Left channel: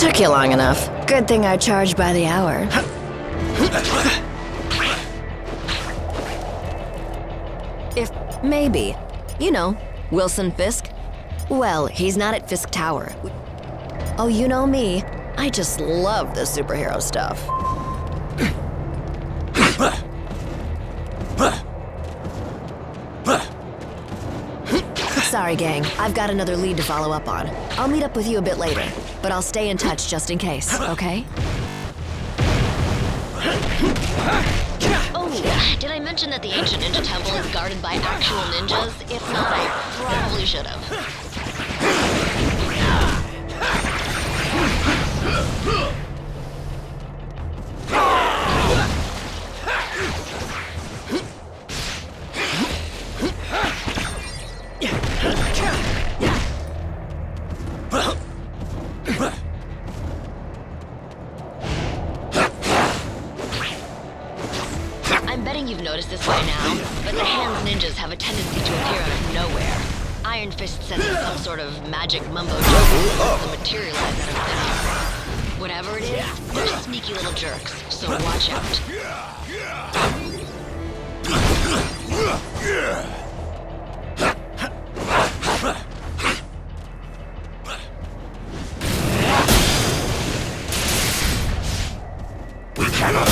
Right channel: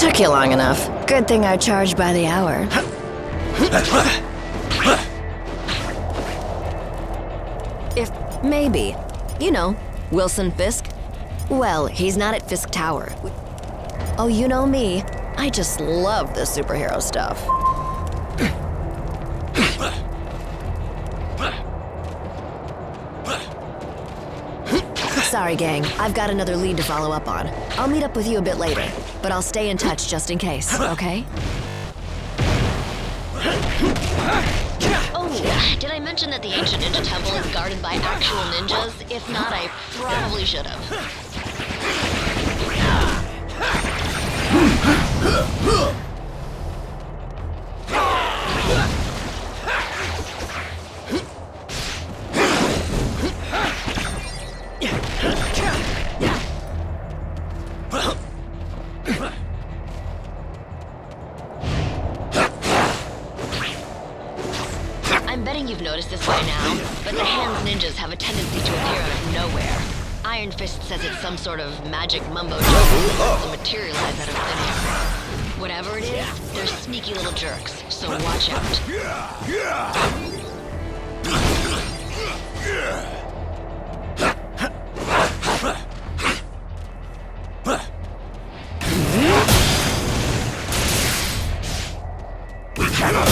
Took you long enough. Good thing I charge by the hour. If maybe. You know, Wilson Fisk. Well, he's not at Fisk Tower. Oh, you know me. I just love the superhero stuff. Sorry, gang. I've got another lead to follow up on. I'll meet up with you a bit later, but I'll stay in touch just in case, okay? Oh, did I mention that the ancient ninja temple is guarded by actual ninjas? If not, I probably should have. I'm betting you've noticed this by now, but the Hand's ninjas have a tendency to appear out of nowhere. Iron Fist says it's some sort of magic mumbo-jumbo that will materialize out of thin air. Whatever it is, they're sneaky little jerks, so watch out. We cannot.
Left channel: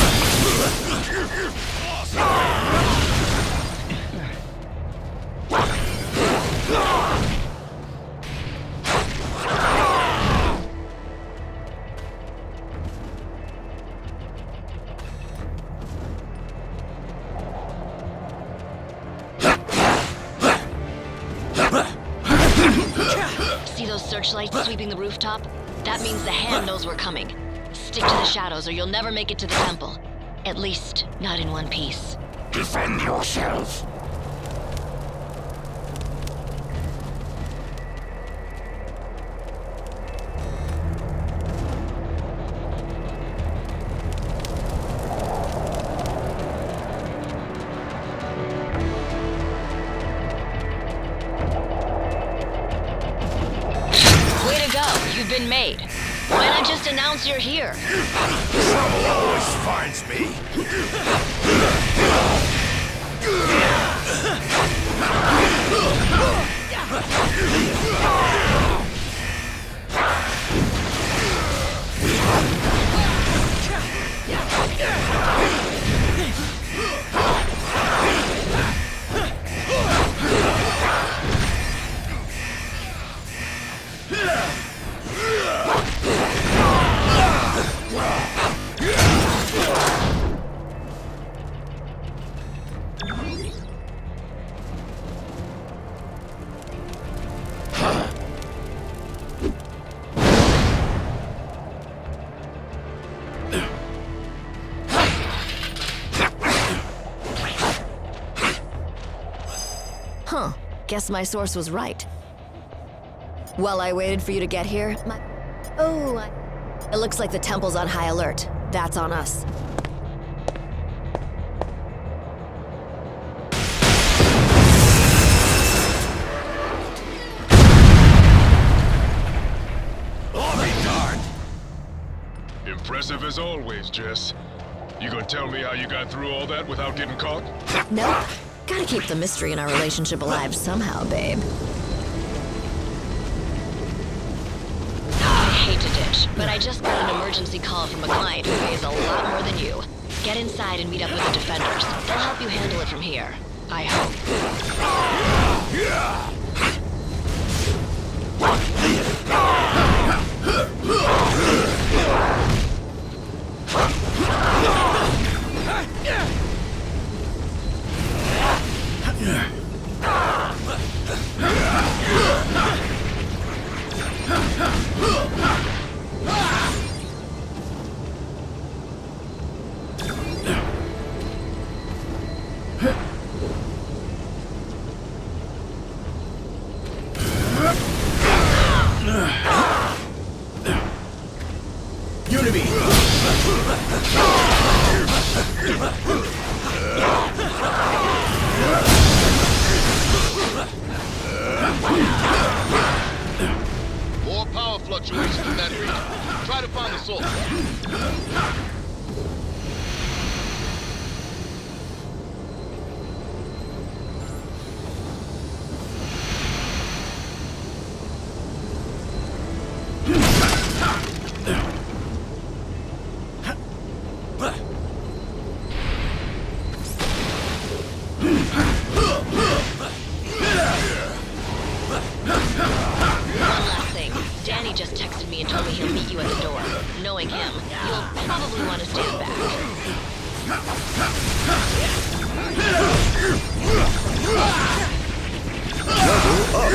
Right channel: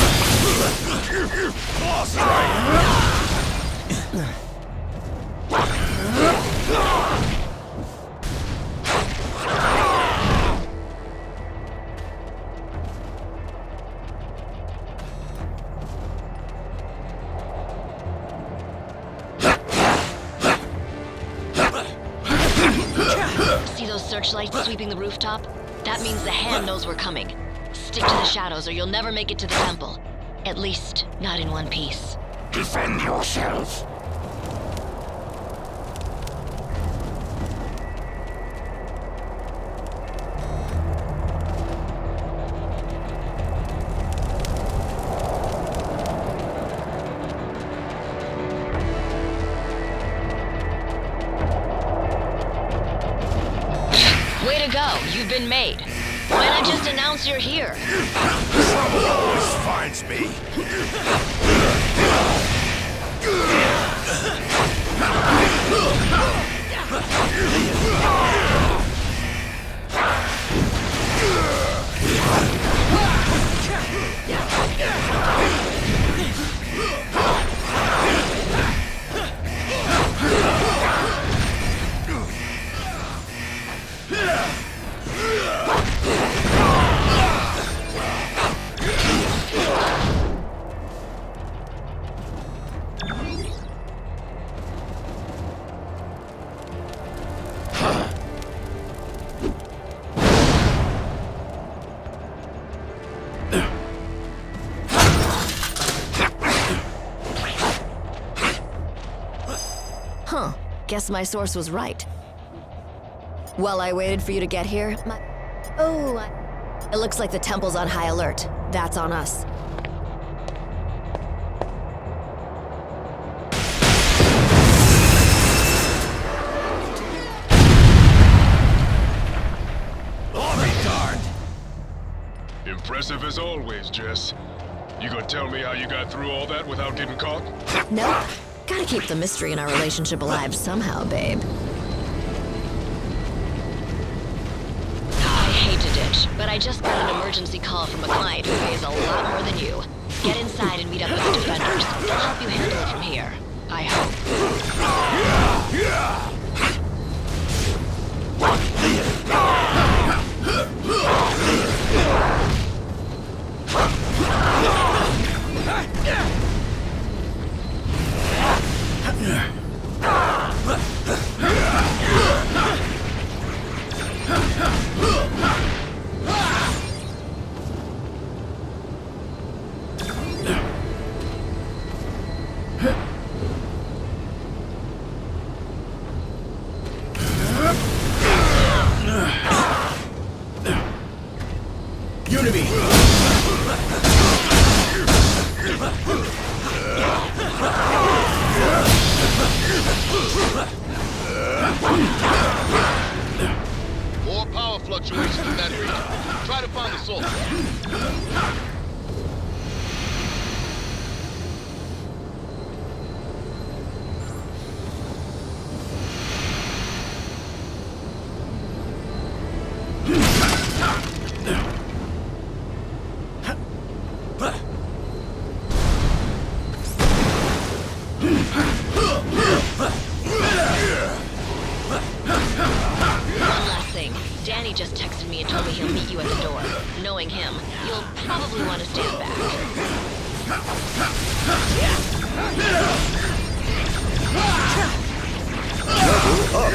See those searchlights sweeping the rooftop? That means the Hand knows we're coming. Stick to the shadows or you'll never make it to the temple. At least, not in one piece. Defend yourself. Way to go, you've been made. Why not just announce you're here? Trouble always finds me. Huh. Guess my source was right. While I waited for you to get here, it looks like the temple's on high alert. That's on us. I'll be darned. Impressive as always, Jess. You gonna tell me how you got through all that without getting caught? Nope. Gotta keep the mystery in our relationship alive somehow, babe. I hate to ditch, but I just got an emergency call from a client who pays a lot more than you. Get inside and meet up with the defenders. They'll help you handle it from here. I hope. Unity! More power fluctuations in that region. Try to find the source. Danny just texted me and told me he'll meet you at the door. Knowing him, you'll probably want to stand back. Level up.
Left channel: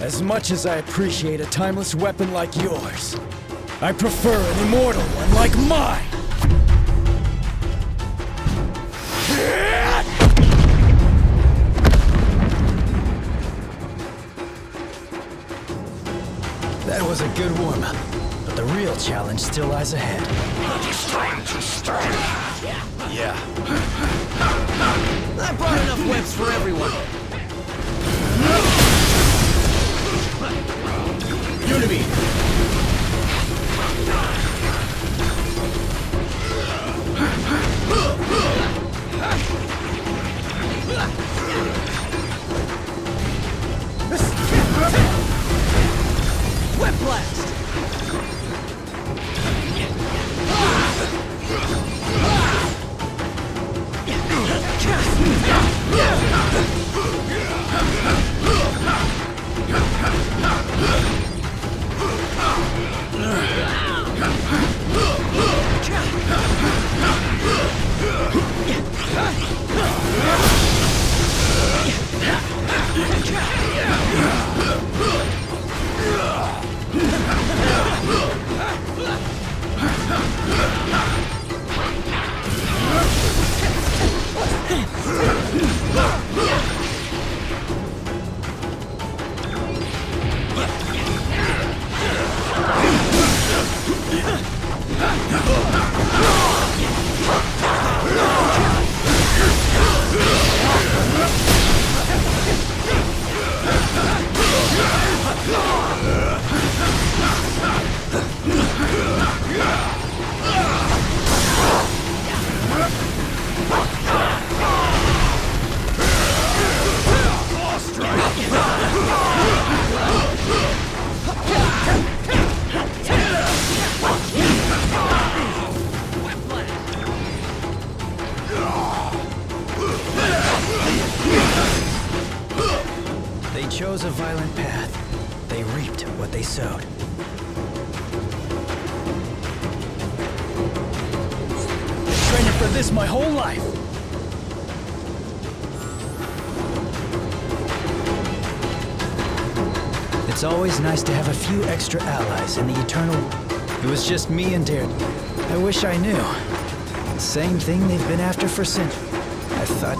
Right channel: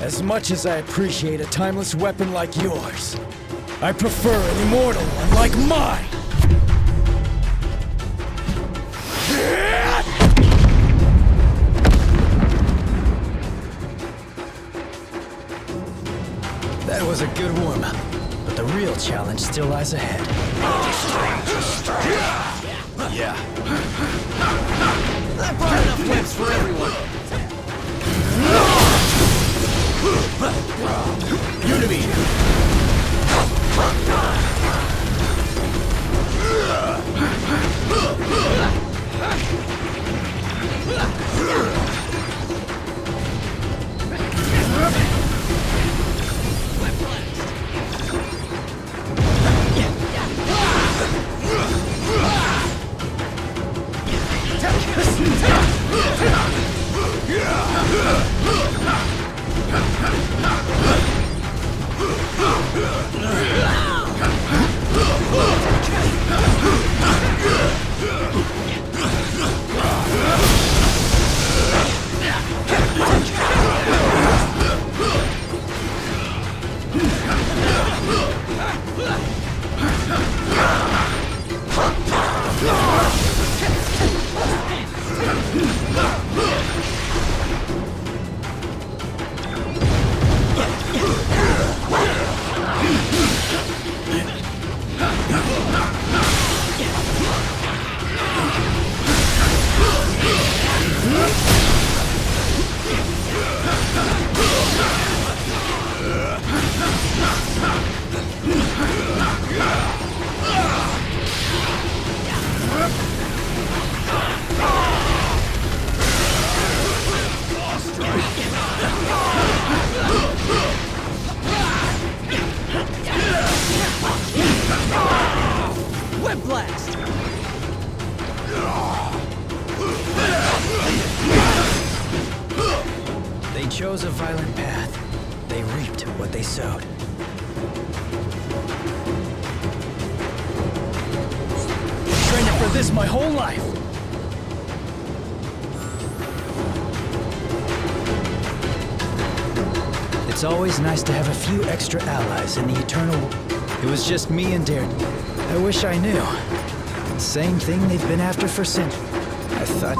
As much as I appreciate a timeless weapon like yours, I prefer an immortal one like mine! That was a good warm-up, but the real challenge still lies ahead. Yeah. I brought enough webs for everyone. Unity. Web blast! They chose a violent path. They reaped what they sowed. Been training for this my whole life. It's always nice to have a few extra allies in the eternal... It was just me and Dare. I wish I knew. Same thing they've been after for centuries. I thought...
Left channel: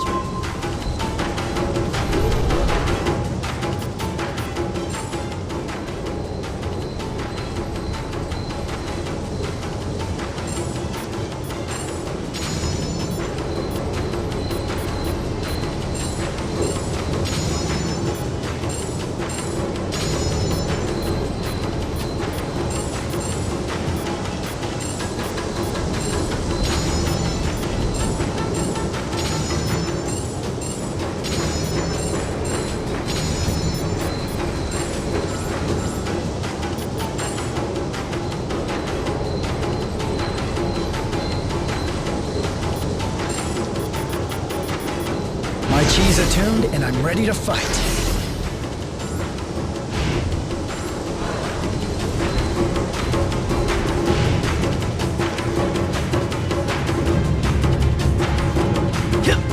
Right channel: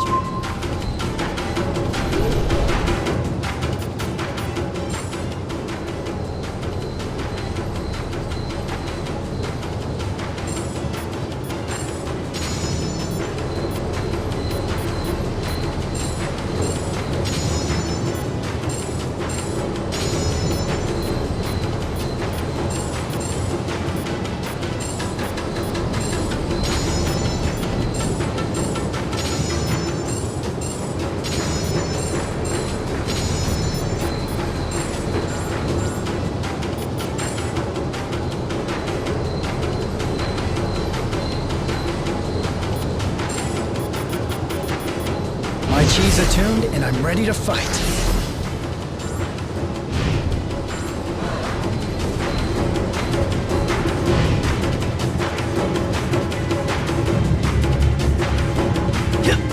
chi's attuned, and I'm ready to fight.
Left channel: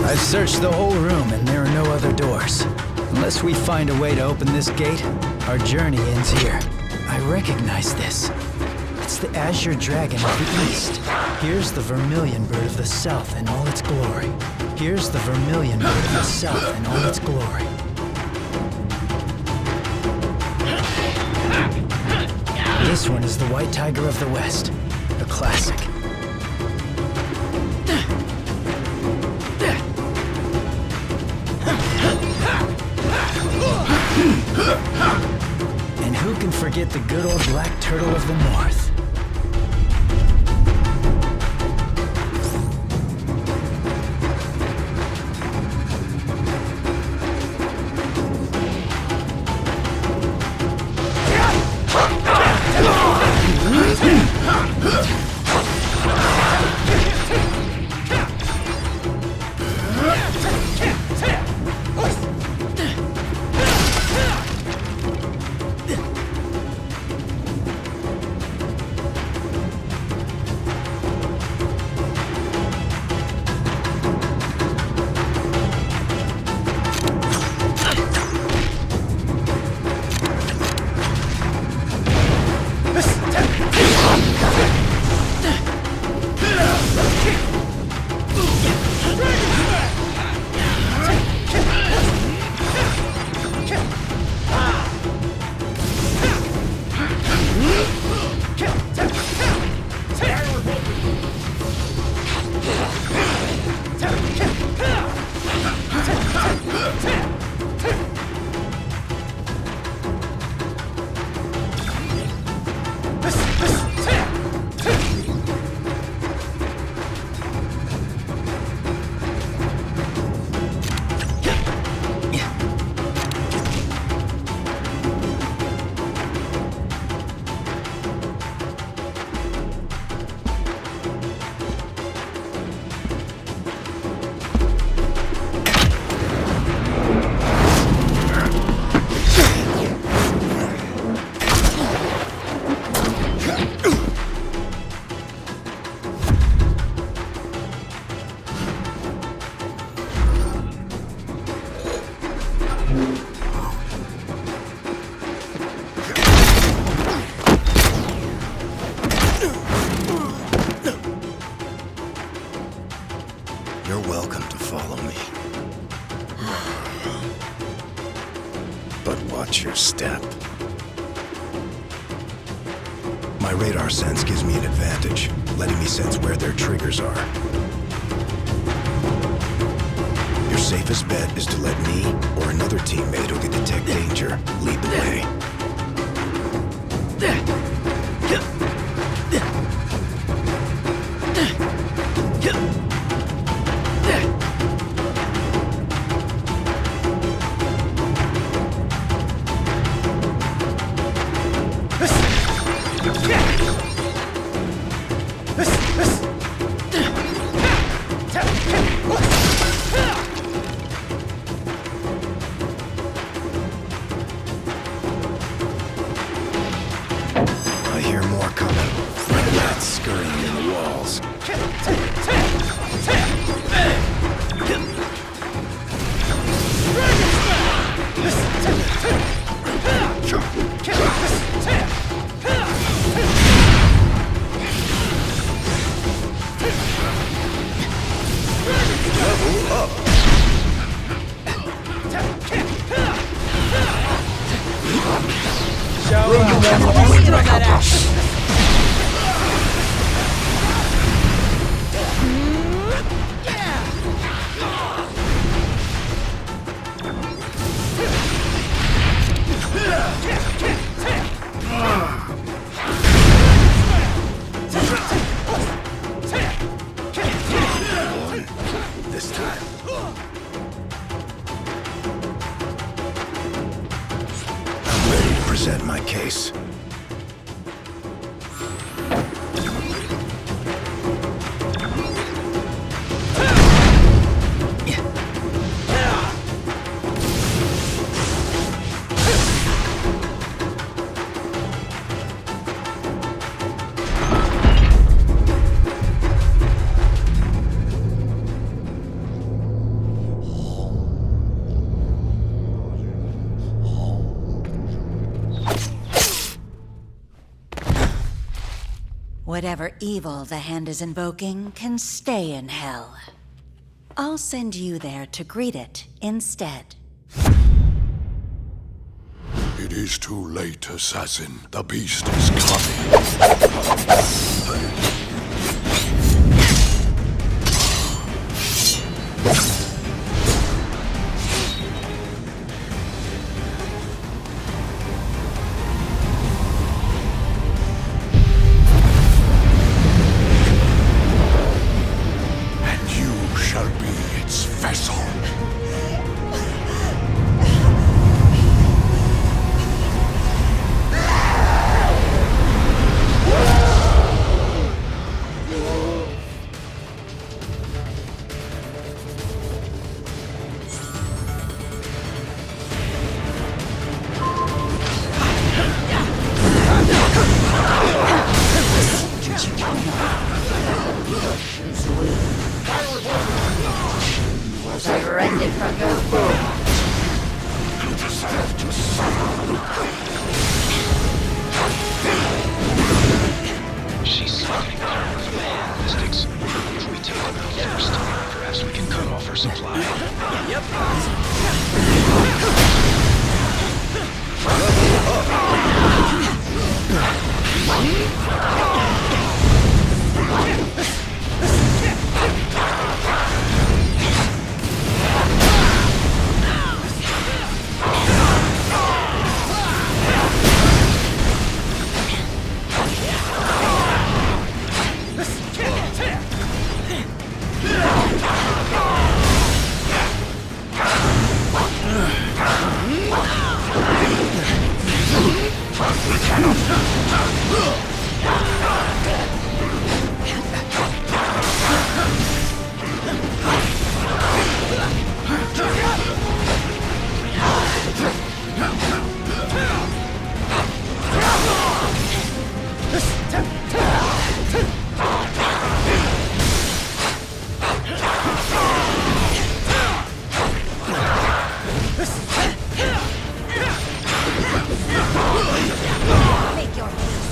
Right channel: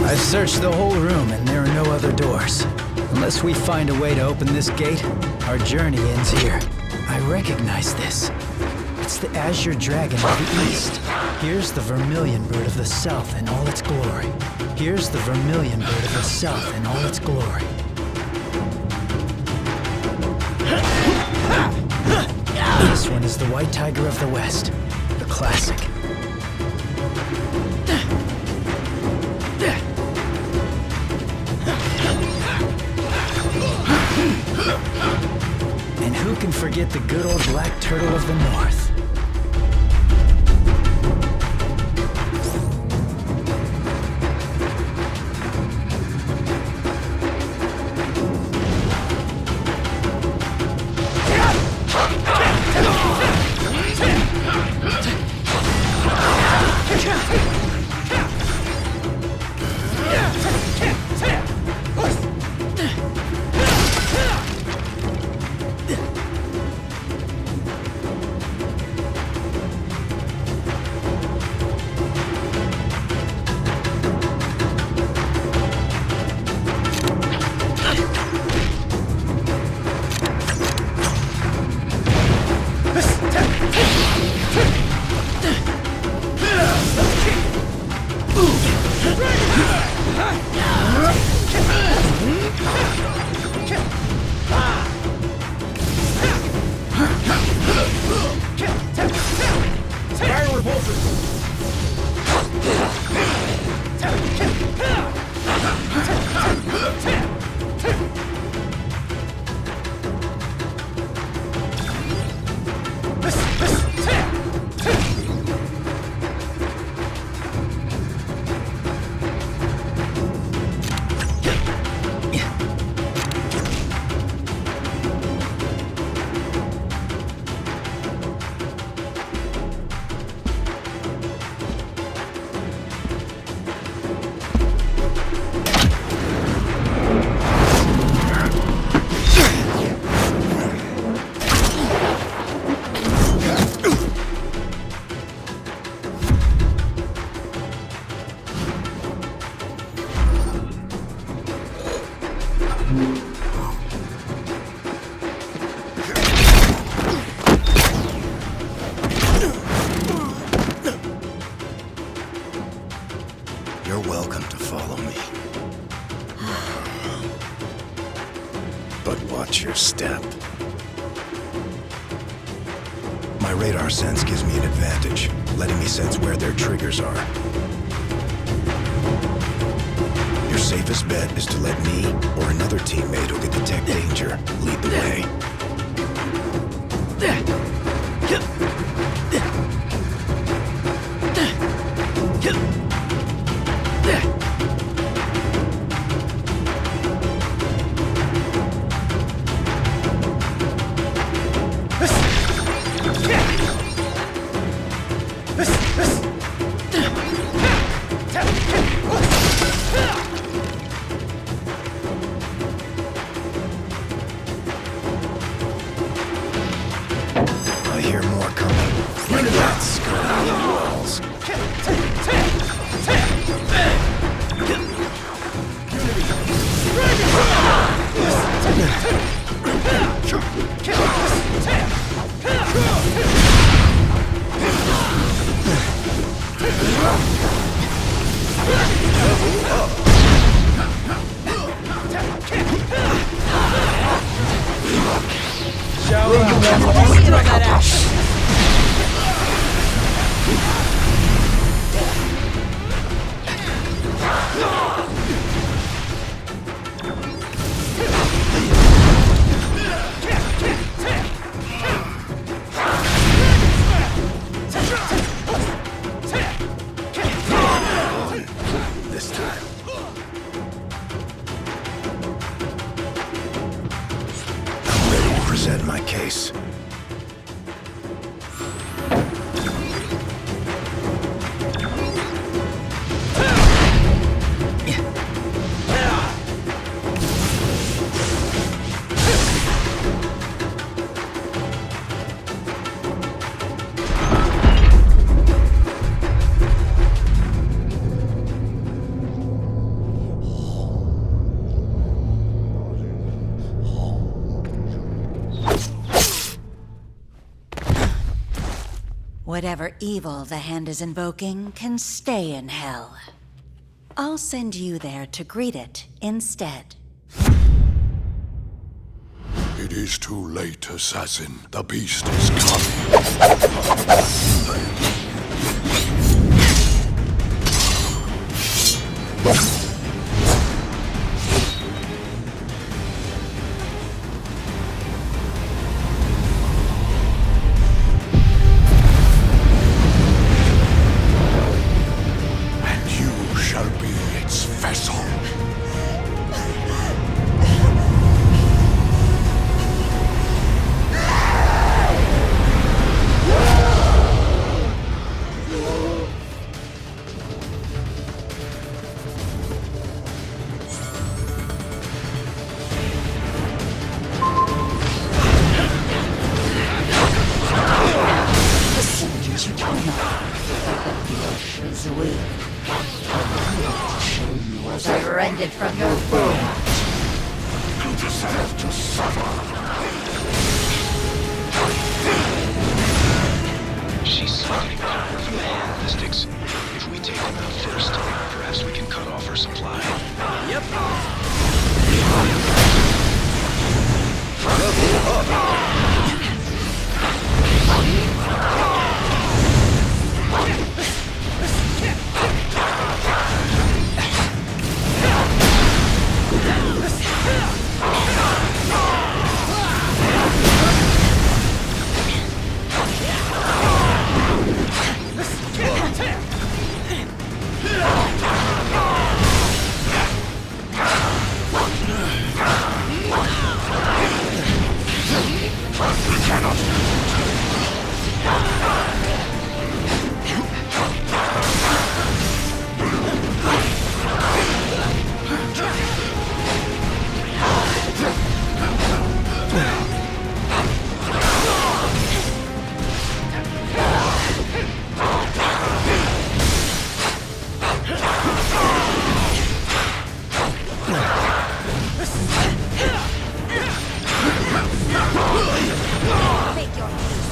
I've searched the whole room, and there are no other doors. Unless we find a way to open this gate, our journey ends here. I recognize this. It's the azure dragon of the east. Here's the vermilion bird of the south in all its glory. Here's the vermilion bird of the south in all its glory. This one is the white tiger of the west, a classic. And who can forget the good old black turtle of the north? You're welcome to follow me. But watch your step. My radar sense gives me an advantage, letting me sense where their triggers are. Your safest bet is to let me or another teammate who can detect danger lead the way. I hear more coming. Like that skirting the walls. Level up. This time. I'm ready to present my case. Whatever evil the hand is invoking can stay in hell. I'll send you there to greet it instead. It is too late, assassin. The beast is coming. And you shall be its vessel. Is weak. Was I rended from your throne? You deserve to suffer. She's siphoning power from the hand mystics. If we take them out first, perhaps we can cut off her supply. Yep. Make your peace.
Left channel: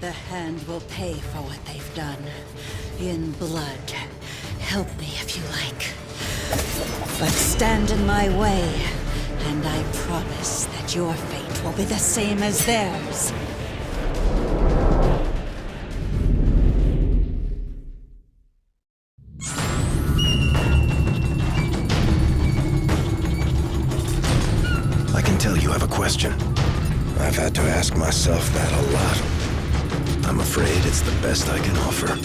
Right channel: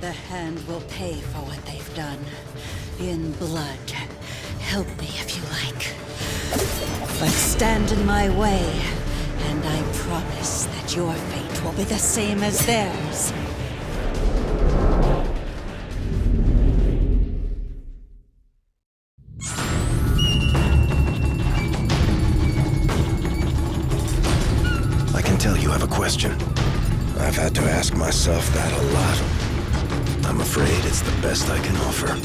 The hand will pay for what they've done. In blood. Help me if you like. But stand in my way, and I promise that your fate will be the same as theirs. I can tell you have a question. I've had to ask myself that a lot. I'm afraid it's the best I can offer.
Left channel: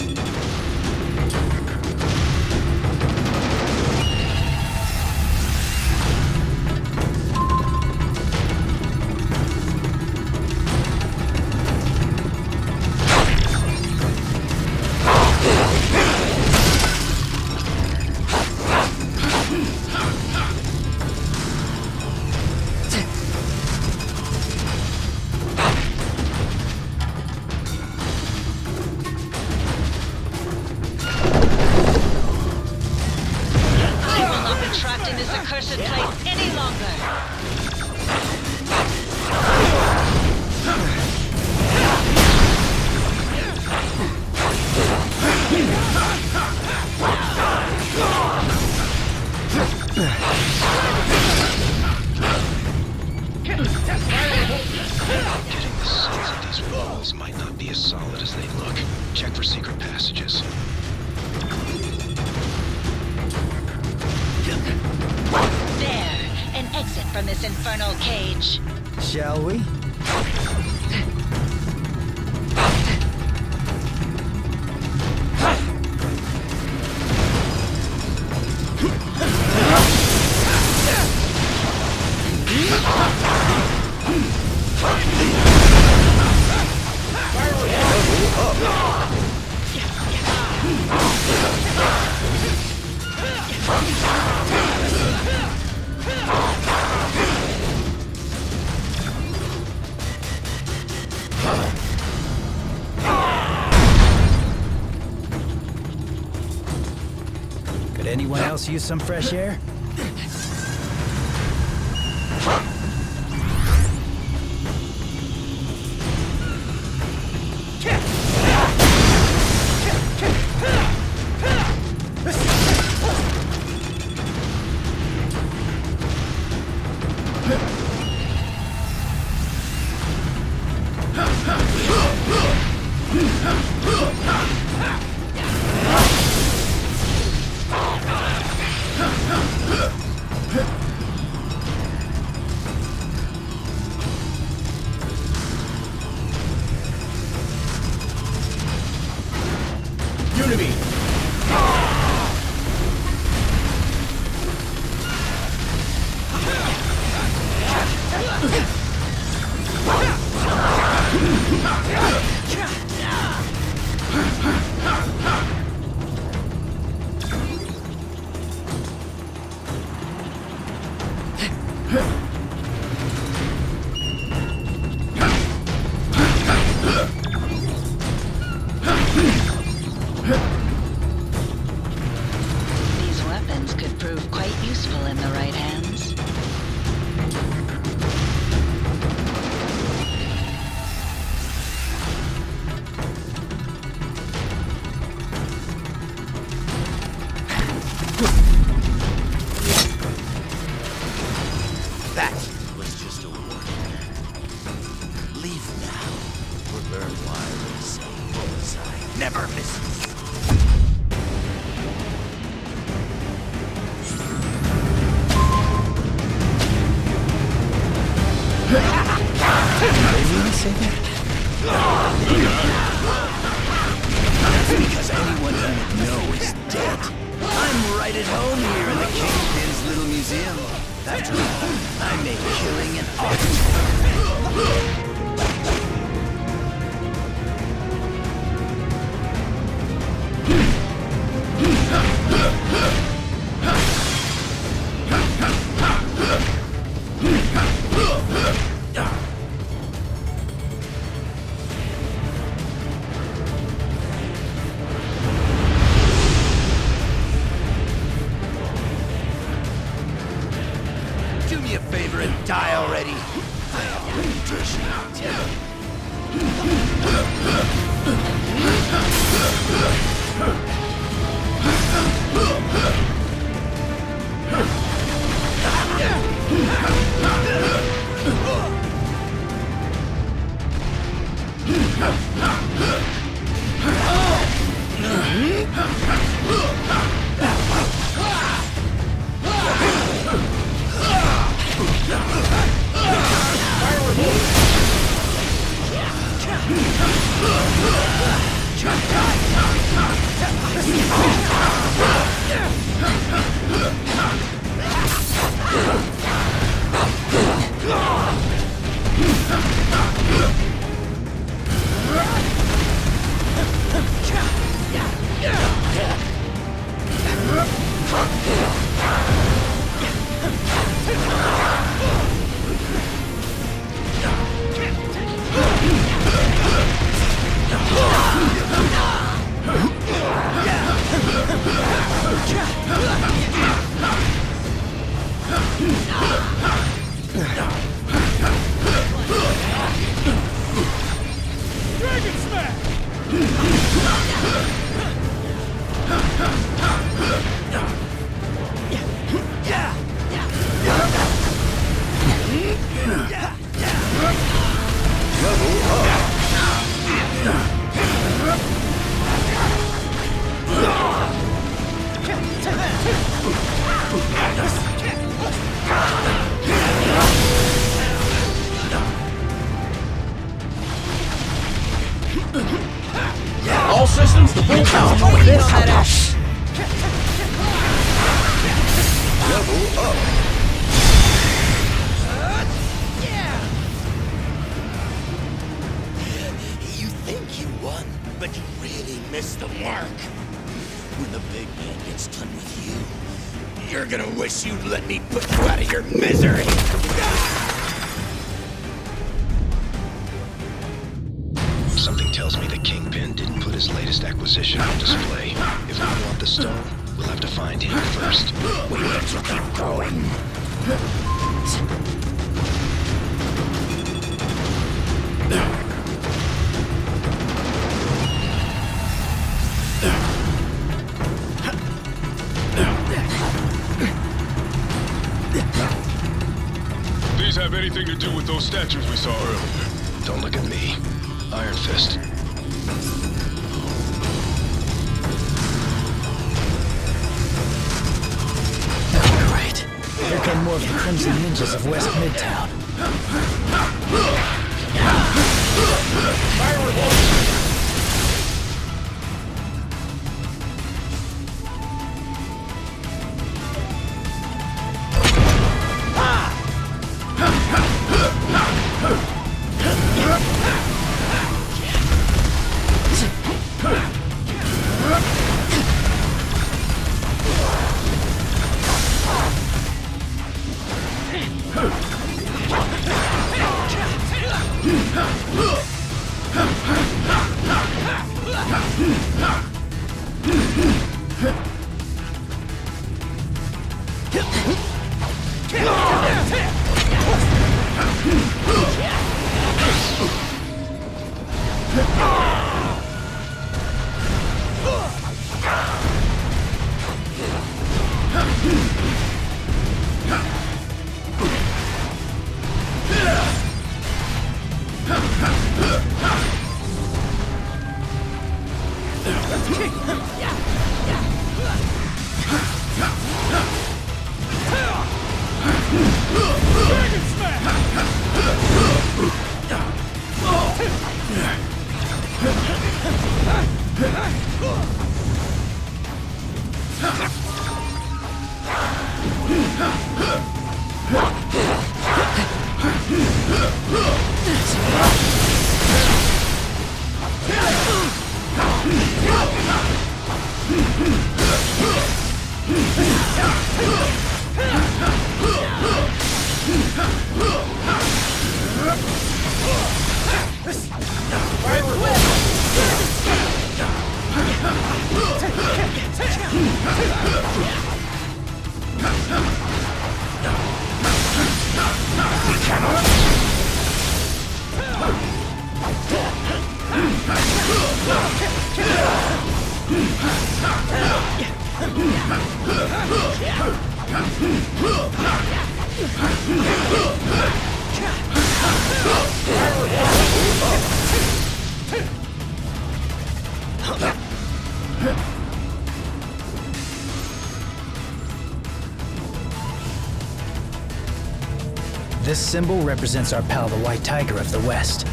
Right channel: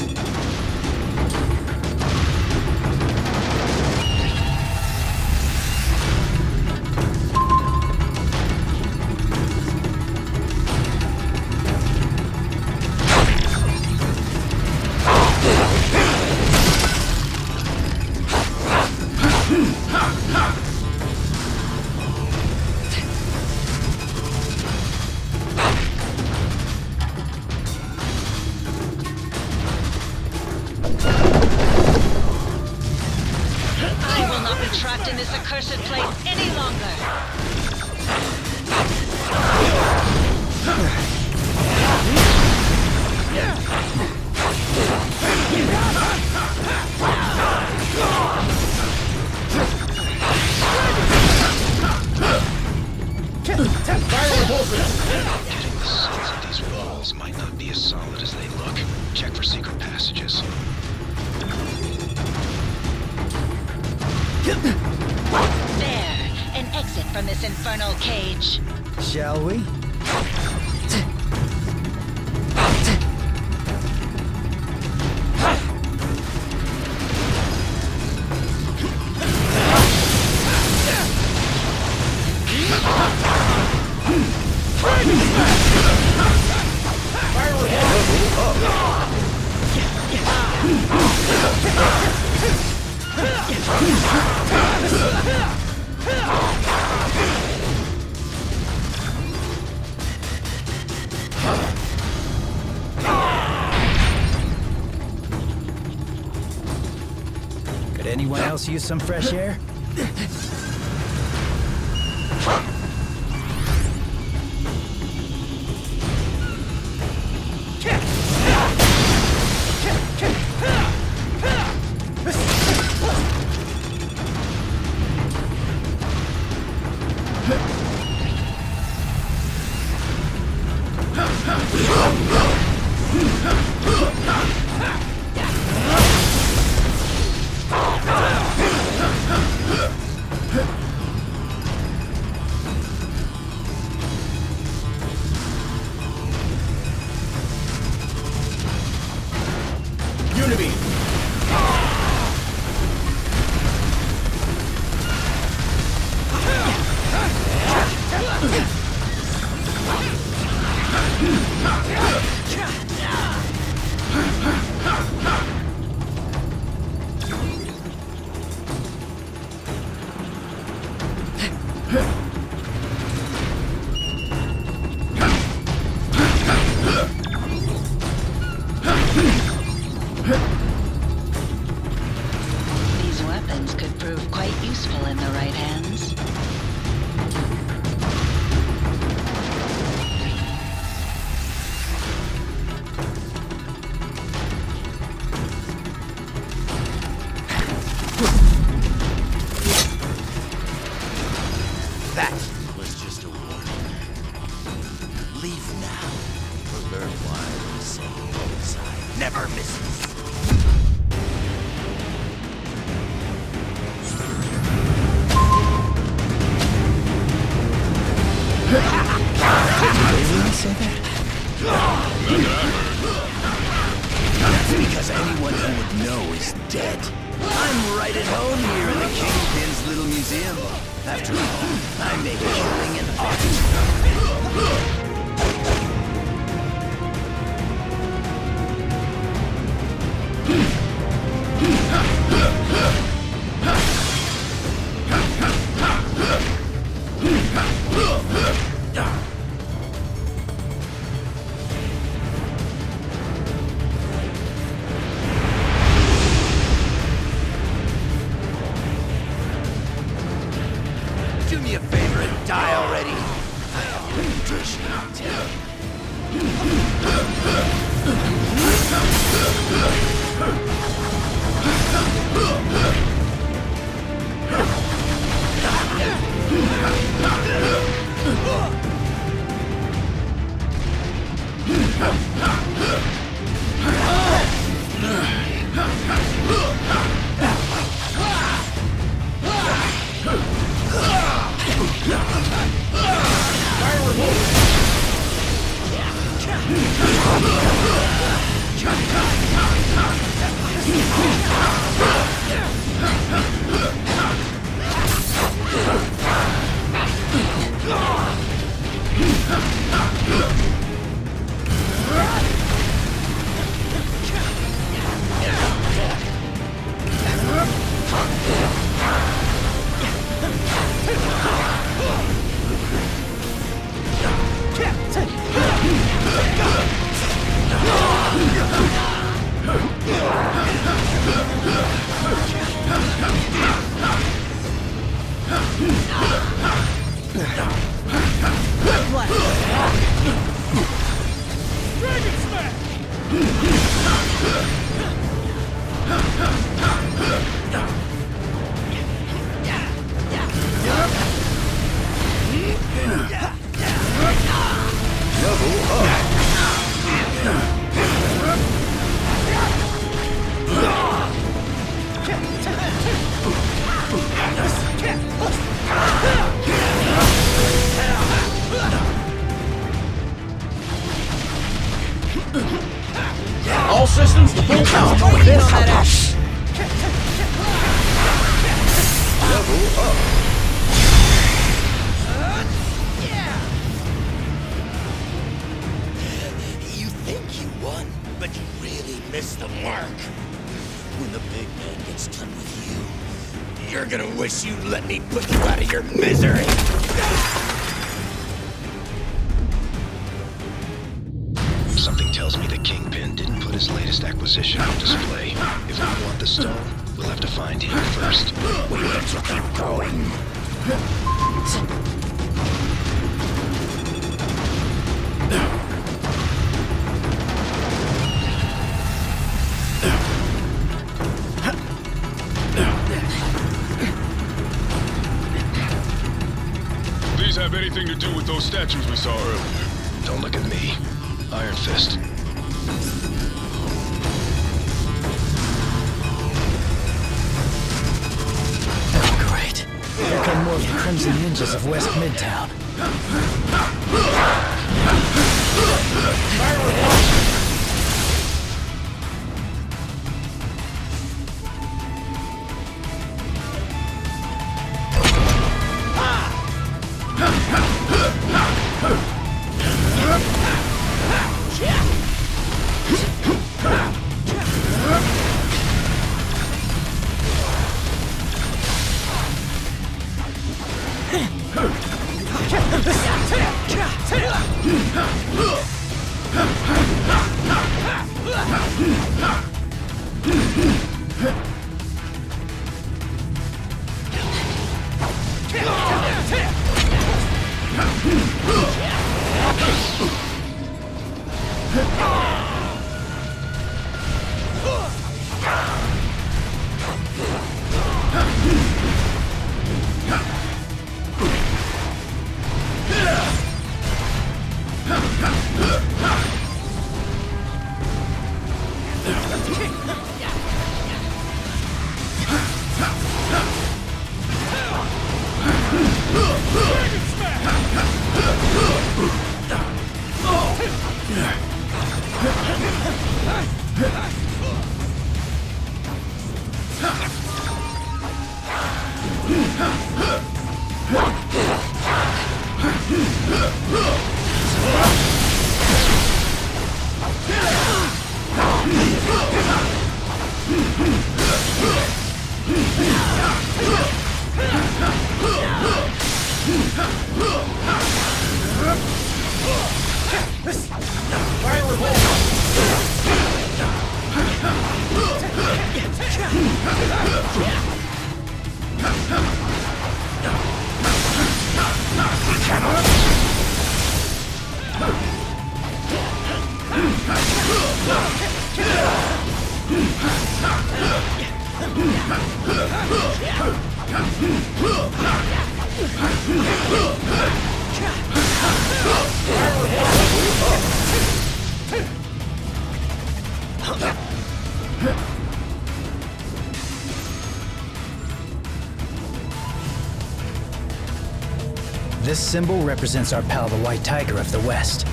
Trapped in this accursed place any longer. Getting the sense that these walls might not be as solid as they look. Check for secret passages. There, an exit from this infernal cage. Shall we? Could anyone else use some fresh air? Unity! These weapons could prove quite useful in the right hands. That was just a warning. Leave now, or learn why they say bullseye never misses. Did they really say that? That's because anyone who would know is dead. I'm right at home here in the Kingpin's little museum. After all, I make killing an art. Do me a favor and die already. I have a reputation to tell. All systems to full power. Going in on that ass. Level up. You think you won, but you really missed the mark. When the big man gets done with you, you're gonna wish you'd let me put you out of your misery. Something tells me the Kingpin didn't put his latest acquisition on display. If we want the stone, we'll have to find him first. We need to keep going. These have anything to do with those statues we saw earlier? Don't look at me. Iron Fist. Oh, great. Here come more of the Crimson Ninjas of West Midtown. This symbol represents our pal, the White Tiger of the West.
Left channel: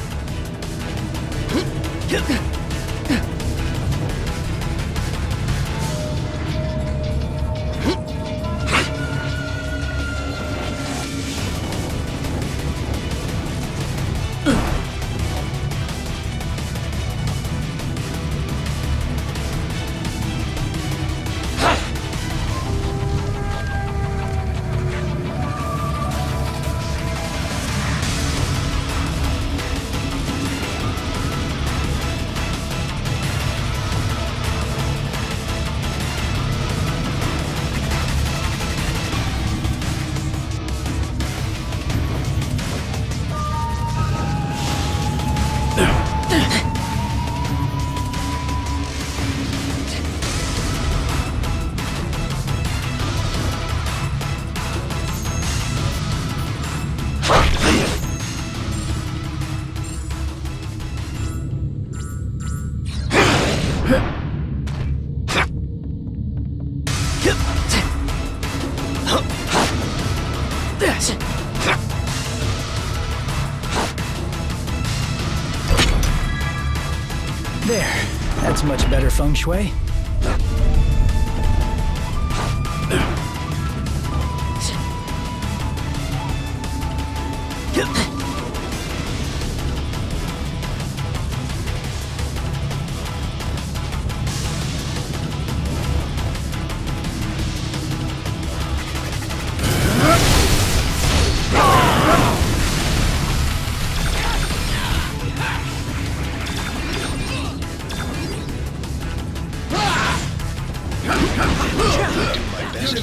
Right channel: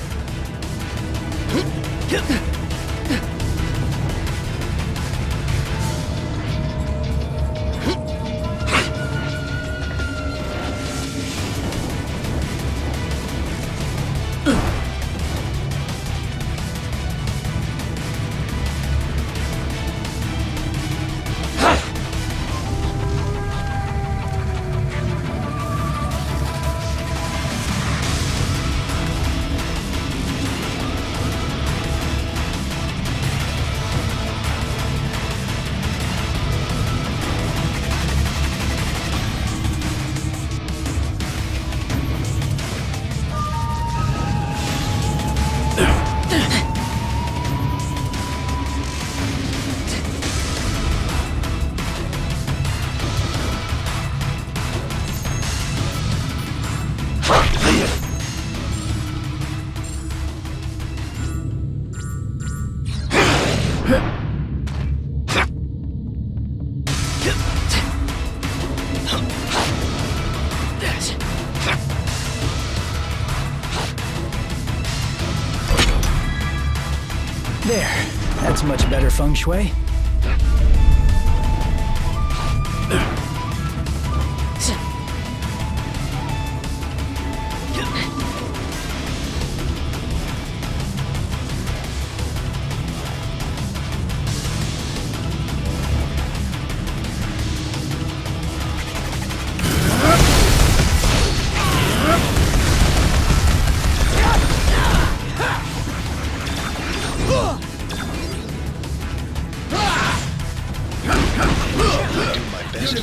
There, that's much better feng shui.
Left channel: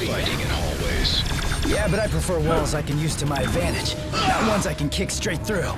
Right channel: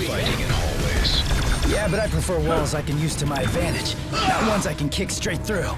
Fighting in hallways. Yeah, but I prefer walls I can use to my advantage, not ones I can kick straight through.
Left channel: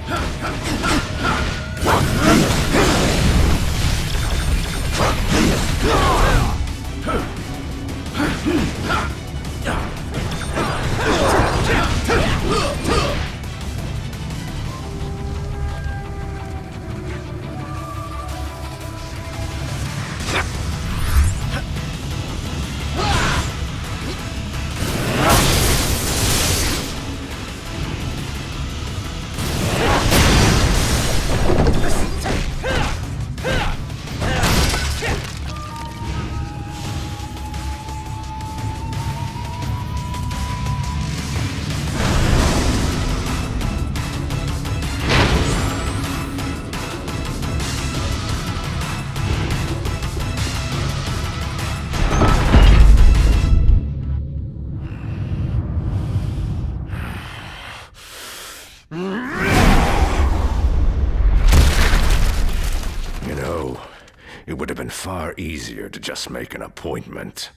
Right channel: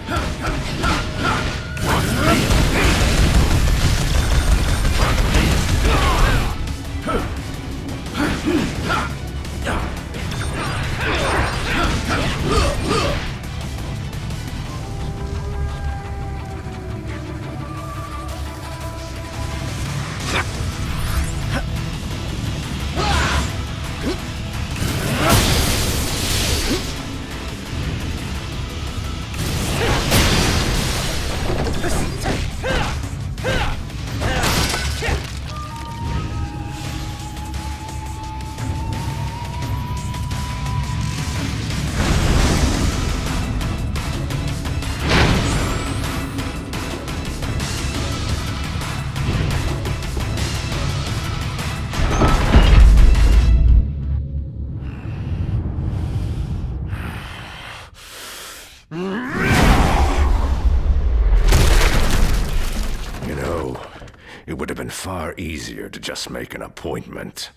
You know, it would have been far easier to just make an appointment.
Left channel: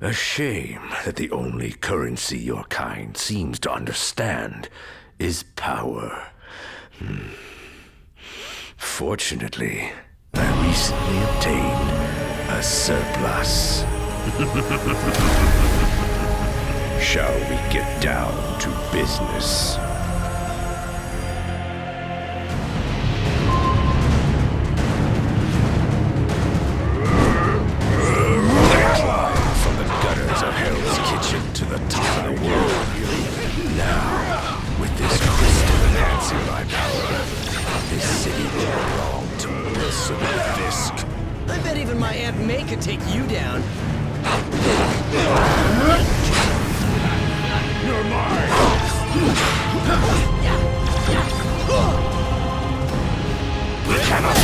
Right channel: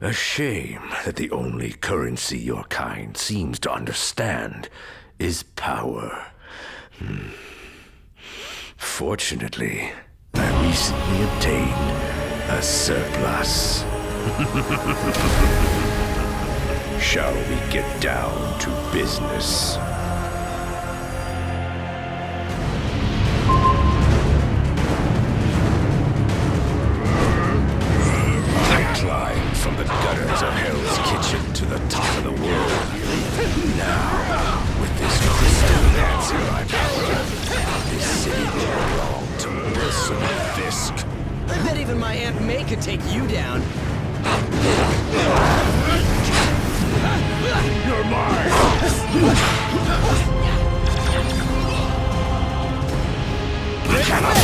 A shame that the only currency your kind seems to understand is power. Fortunately, I recently obtained a surplus. Shall we get down to business? I climbed from the gutters of Hell's Kitchen to the top of the world. Now, with this crystal enhancing my power, this city will belong to Wilson Fisk. I bet even my Aunt May could take you down. You're mine! We cannot...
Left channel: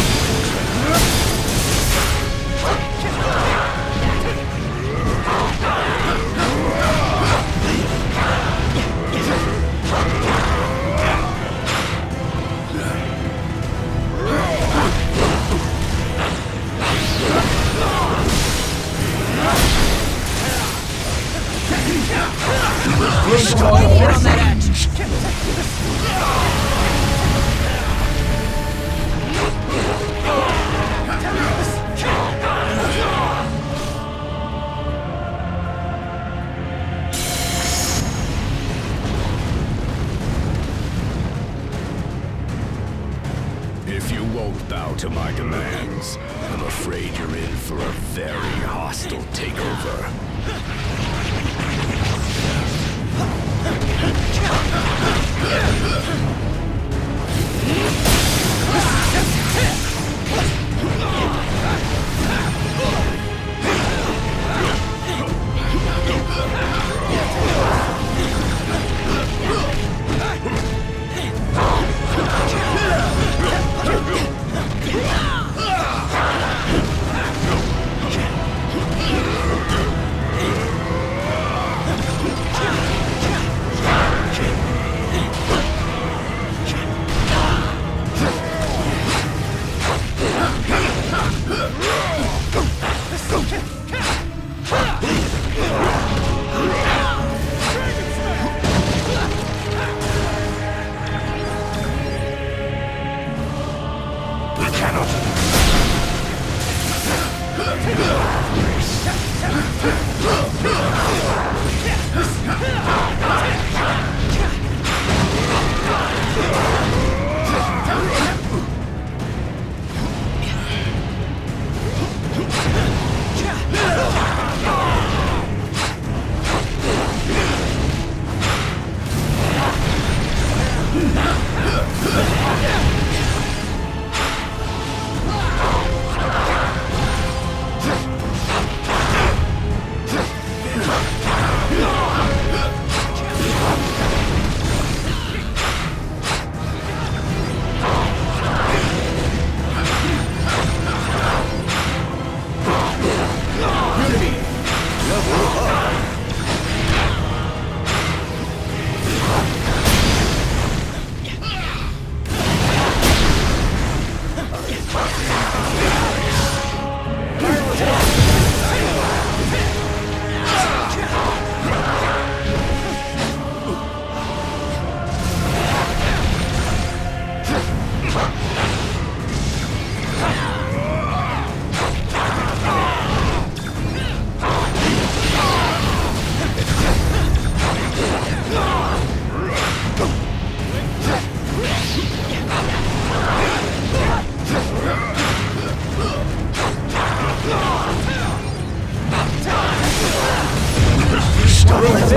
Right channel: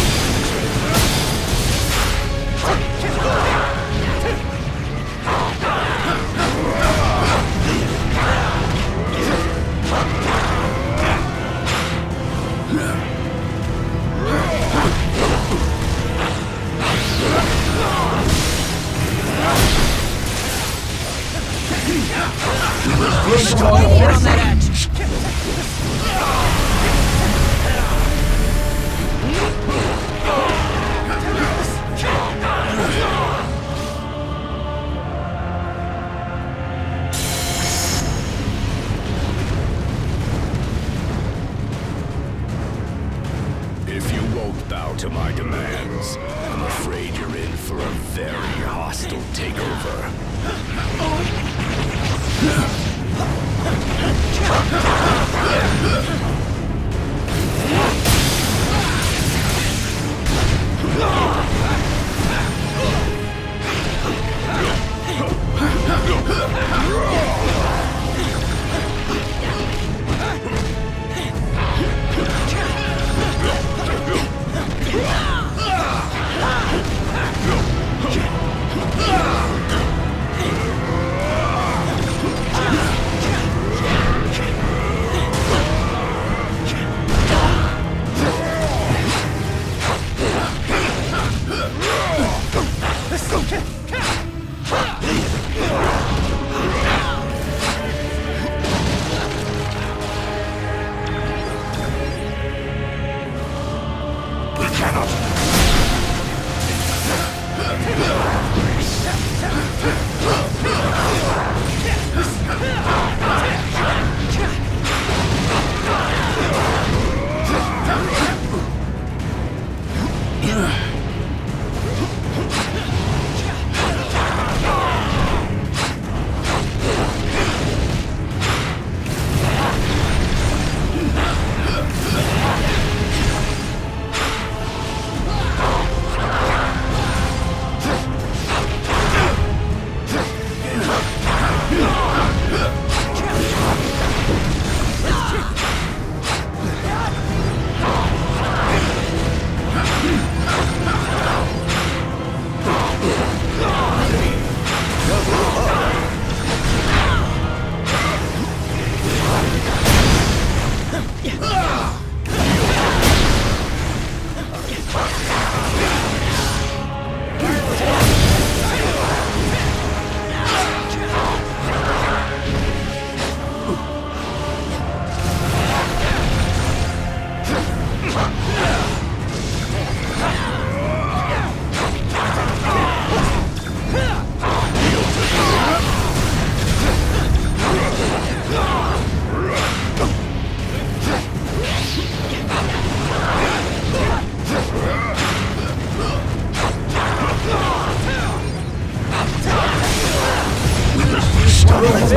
If you won't bow to my demands, I'm afraid you're in for a very hostile takeover. We cannot.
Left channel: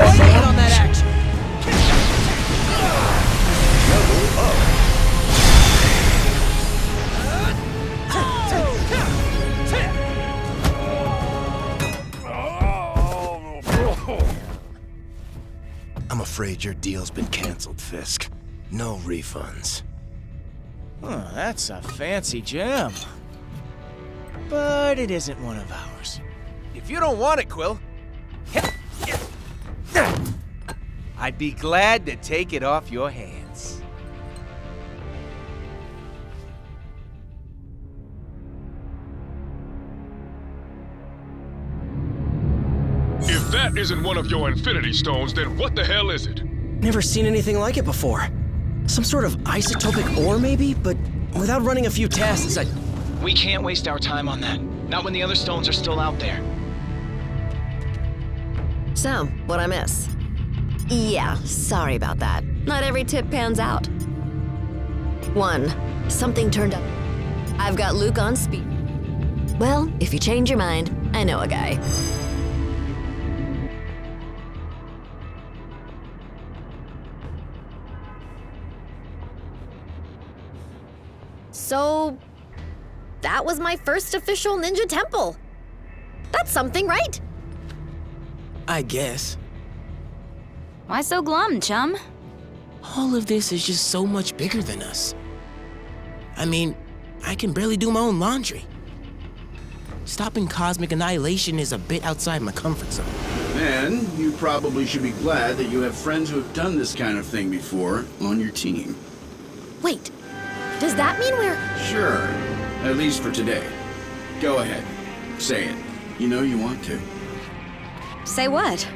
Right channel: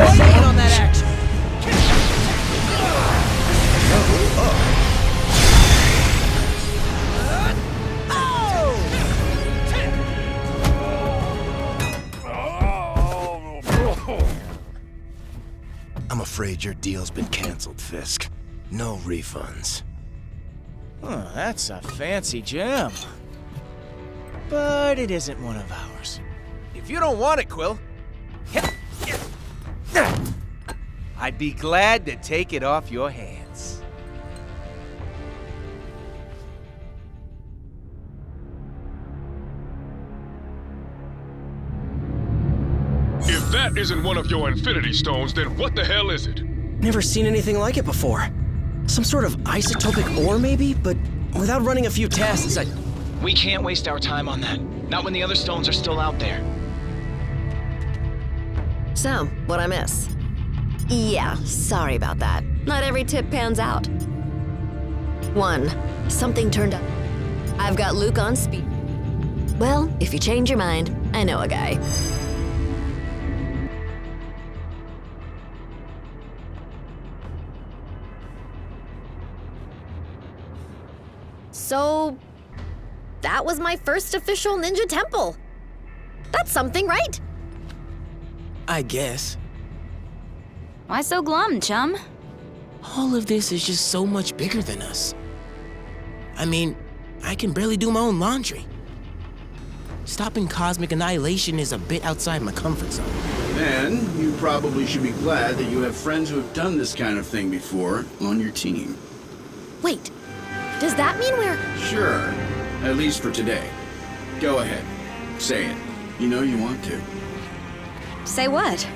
in on that action. Level up. I'm afraid your deal's been canceled, Fisk. No refunds. Oh, that's a fancy gem. But it isn't one of ours. If you don't want it, Quill, I'd be glad to take it off your hands. If that isn't one of your Infinity Stones, then what the hell is it? Never seen anything like it before. Some sort of isotopic ore, maybe? But without running a few tests, We can't waste our time on that. Not when the other stones are still out there. So, what'd I miss? Yeah, sorry about that. Not every tip pans out. 1. Something turned up. I've got Luke on speed. Well, if you change your mind, I know a guy. So, that was my first official ninja temple. That's something, right? I guess. Why so glum, chum? All of this is just so much bigger than us. I mean, I can barely do my own laundry. Stopping cosmic annihilation is a bit outside my comfort zone. Then, you probably should be glad that you have friends who have done this kind of thing before on your team. Wait, does that mean we're... Sure, at least for today. Go ahead, say it. You know you want to. Say what?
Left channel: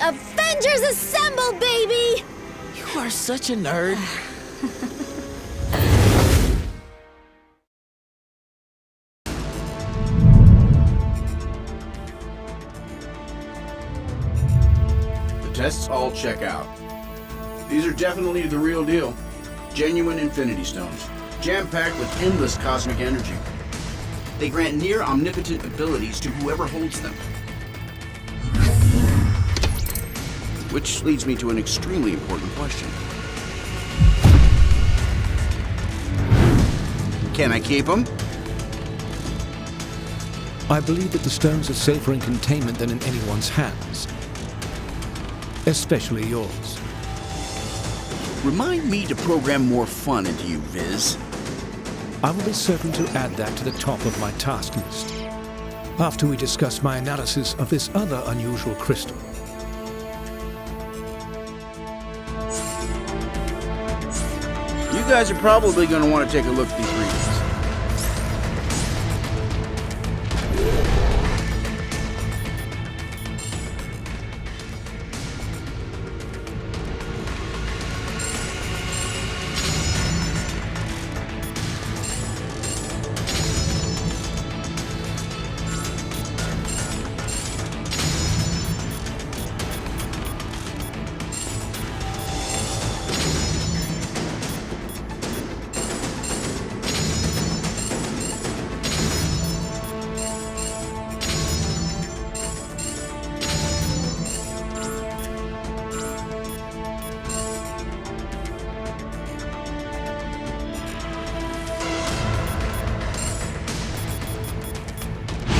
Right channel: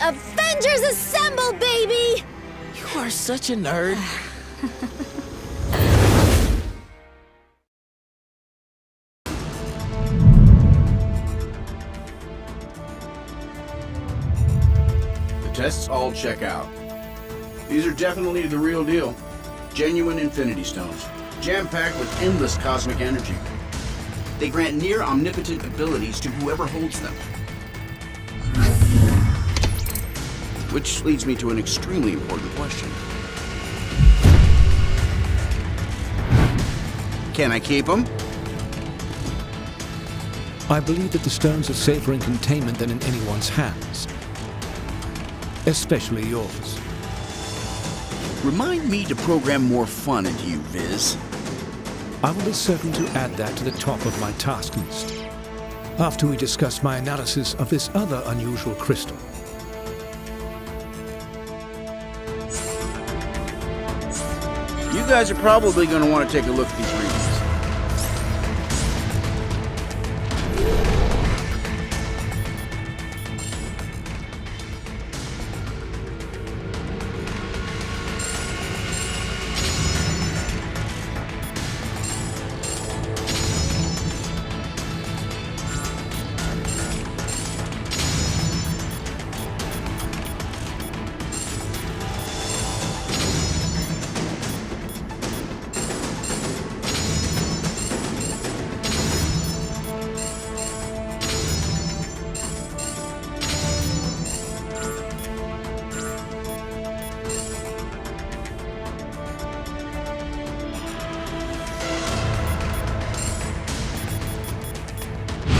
Avengers Assemble, baby! You are such a nerd. The tests all check out. These are definitely the real deal. Genuine Infinity Stones, jam-packed with endless cosmic energy. They grant near omnipotent abilities to whoever holds them. Which leads me to an extremely important question. Can I keep them? I believe that the stones are safer in containment than in anyone's hands. Especially yours. Remind me to program more fun into you, Viz. I will be certain to add that to the top of my task list. After we discuss my analysis of this other unusual crystal. You guys are probably going to want to take a look at these readings.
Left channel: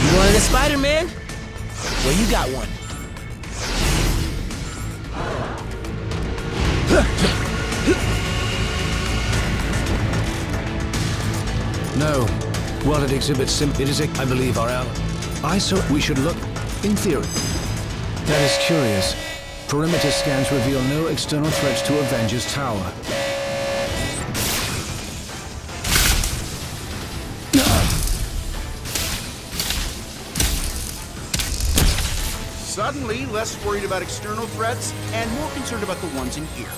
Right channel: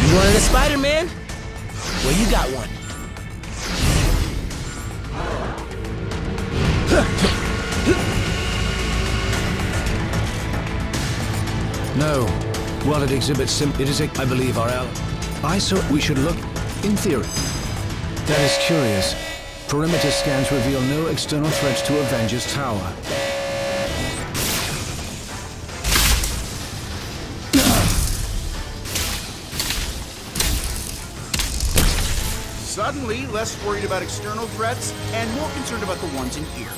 You wanted a Spider-Man? Well, you got one. No. While it exhibits it is I believe our ally. We should look, in theory. That is curious. Perimeter scans reveal no external threats to Avengers Tower. Suddenly, less worried about external threats and more concerned about the ones in here.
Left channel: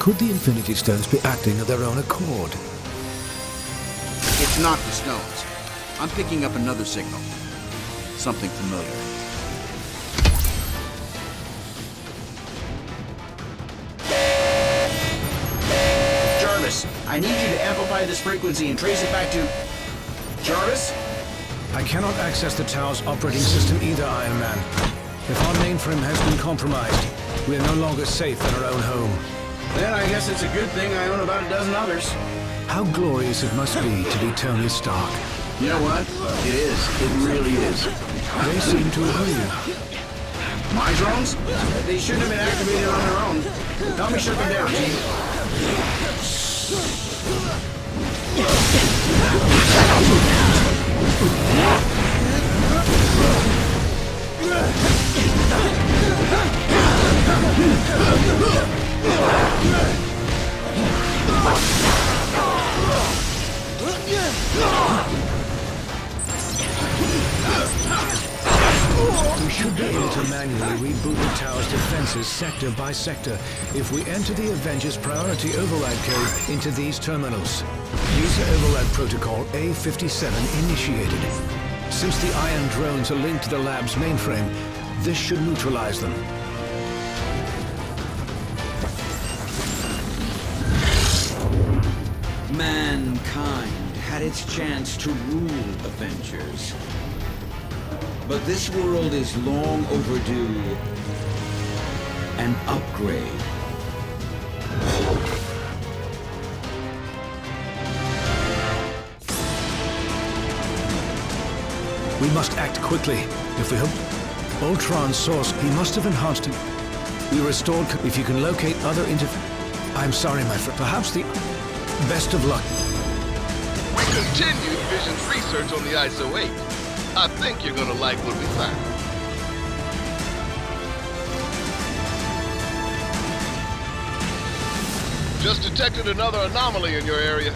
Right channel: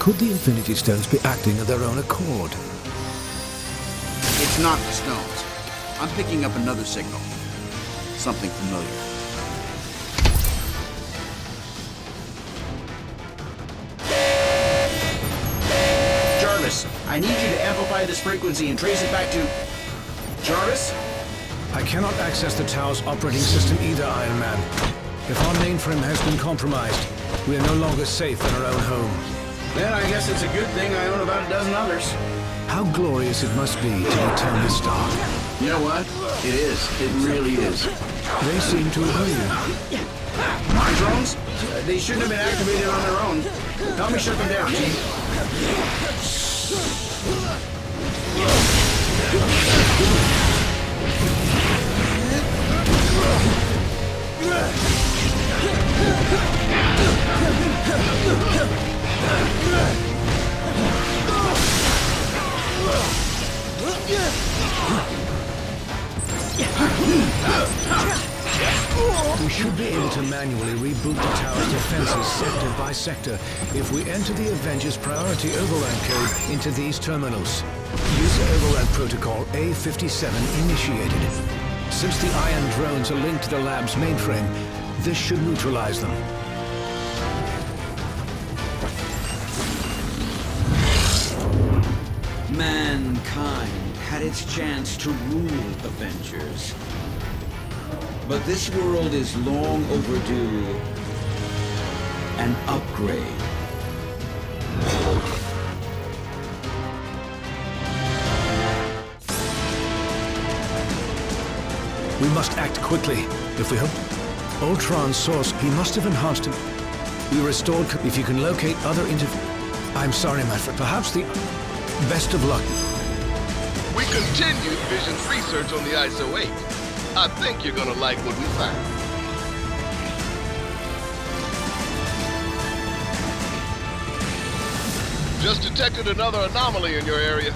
Could the Infinity Stones be acting of their own accord? It's not the stones. I'm picking up another signal. Something familiar. Jarvis, I need you to amplify this frequency and trace it back to... Jarvis? I cannot access the tower's operating system either, Iron Man. If our mainframe has been compromised, we are no longer safe in our own home. Then I guess it's a good thing I own about a dozen others. How glorious it must be to be Tony Stark. You know what? It is. It really is. They seem to agree. My drones? They shouldn't have been activated on their own. Help me shut them down, Chief. We should be able to manually reboot the tower's defenses sector by sector if we enter the Avengers priority override code into these terminals. User override protocol A57 initiated. Since the iron drones are linked to the lab's mainframe, this should neutralize them. Mankind had its chance to rule Avengers. But this world is long overdue an upgrade. We must act quickly. If we hope... Ultron's source, he must have enhanced him. We restored... If you can locate other I'm sorry, my friend. Perhaps the... Best of luck. We continued Vision's research on the ISO 8. I think you're gonna like what we found. Just detected another anomaly in your area.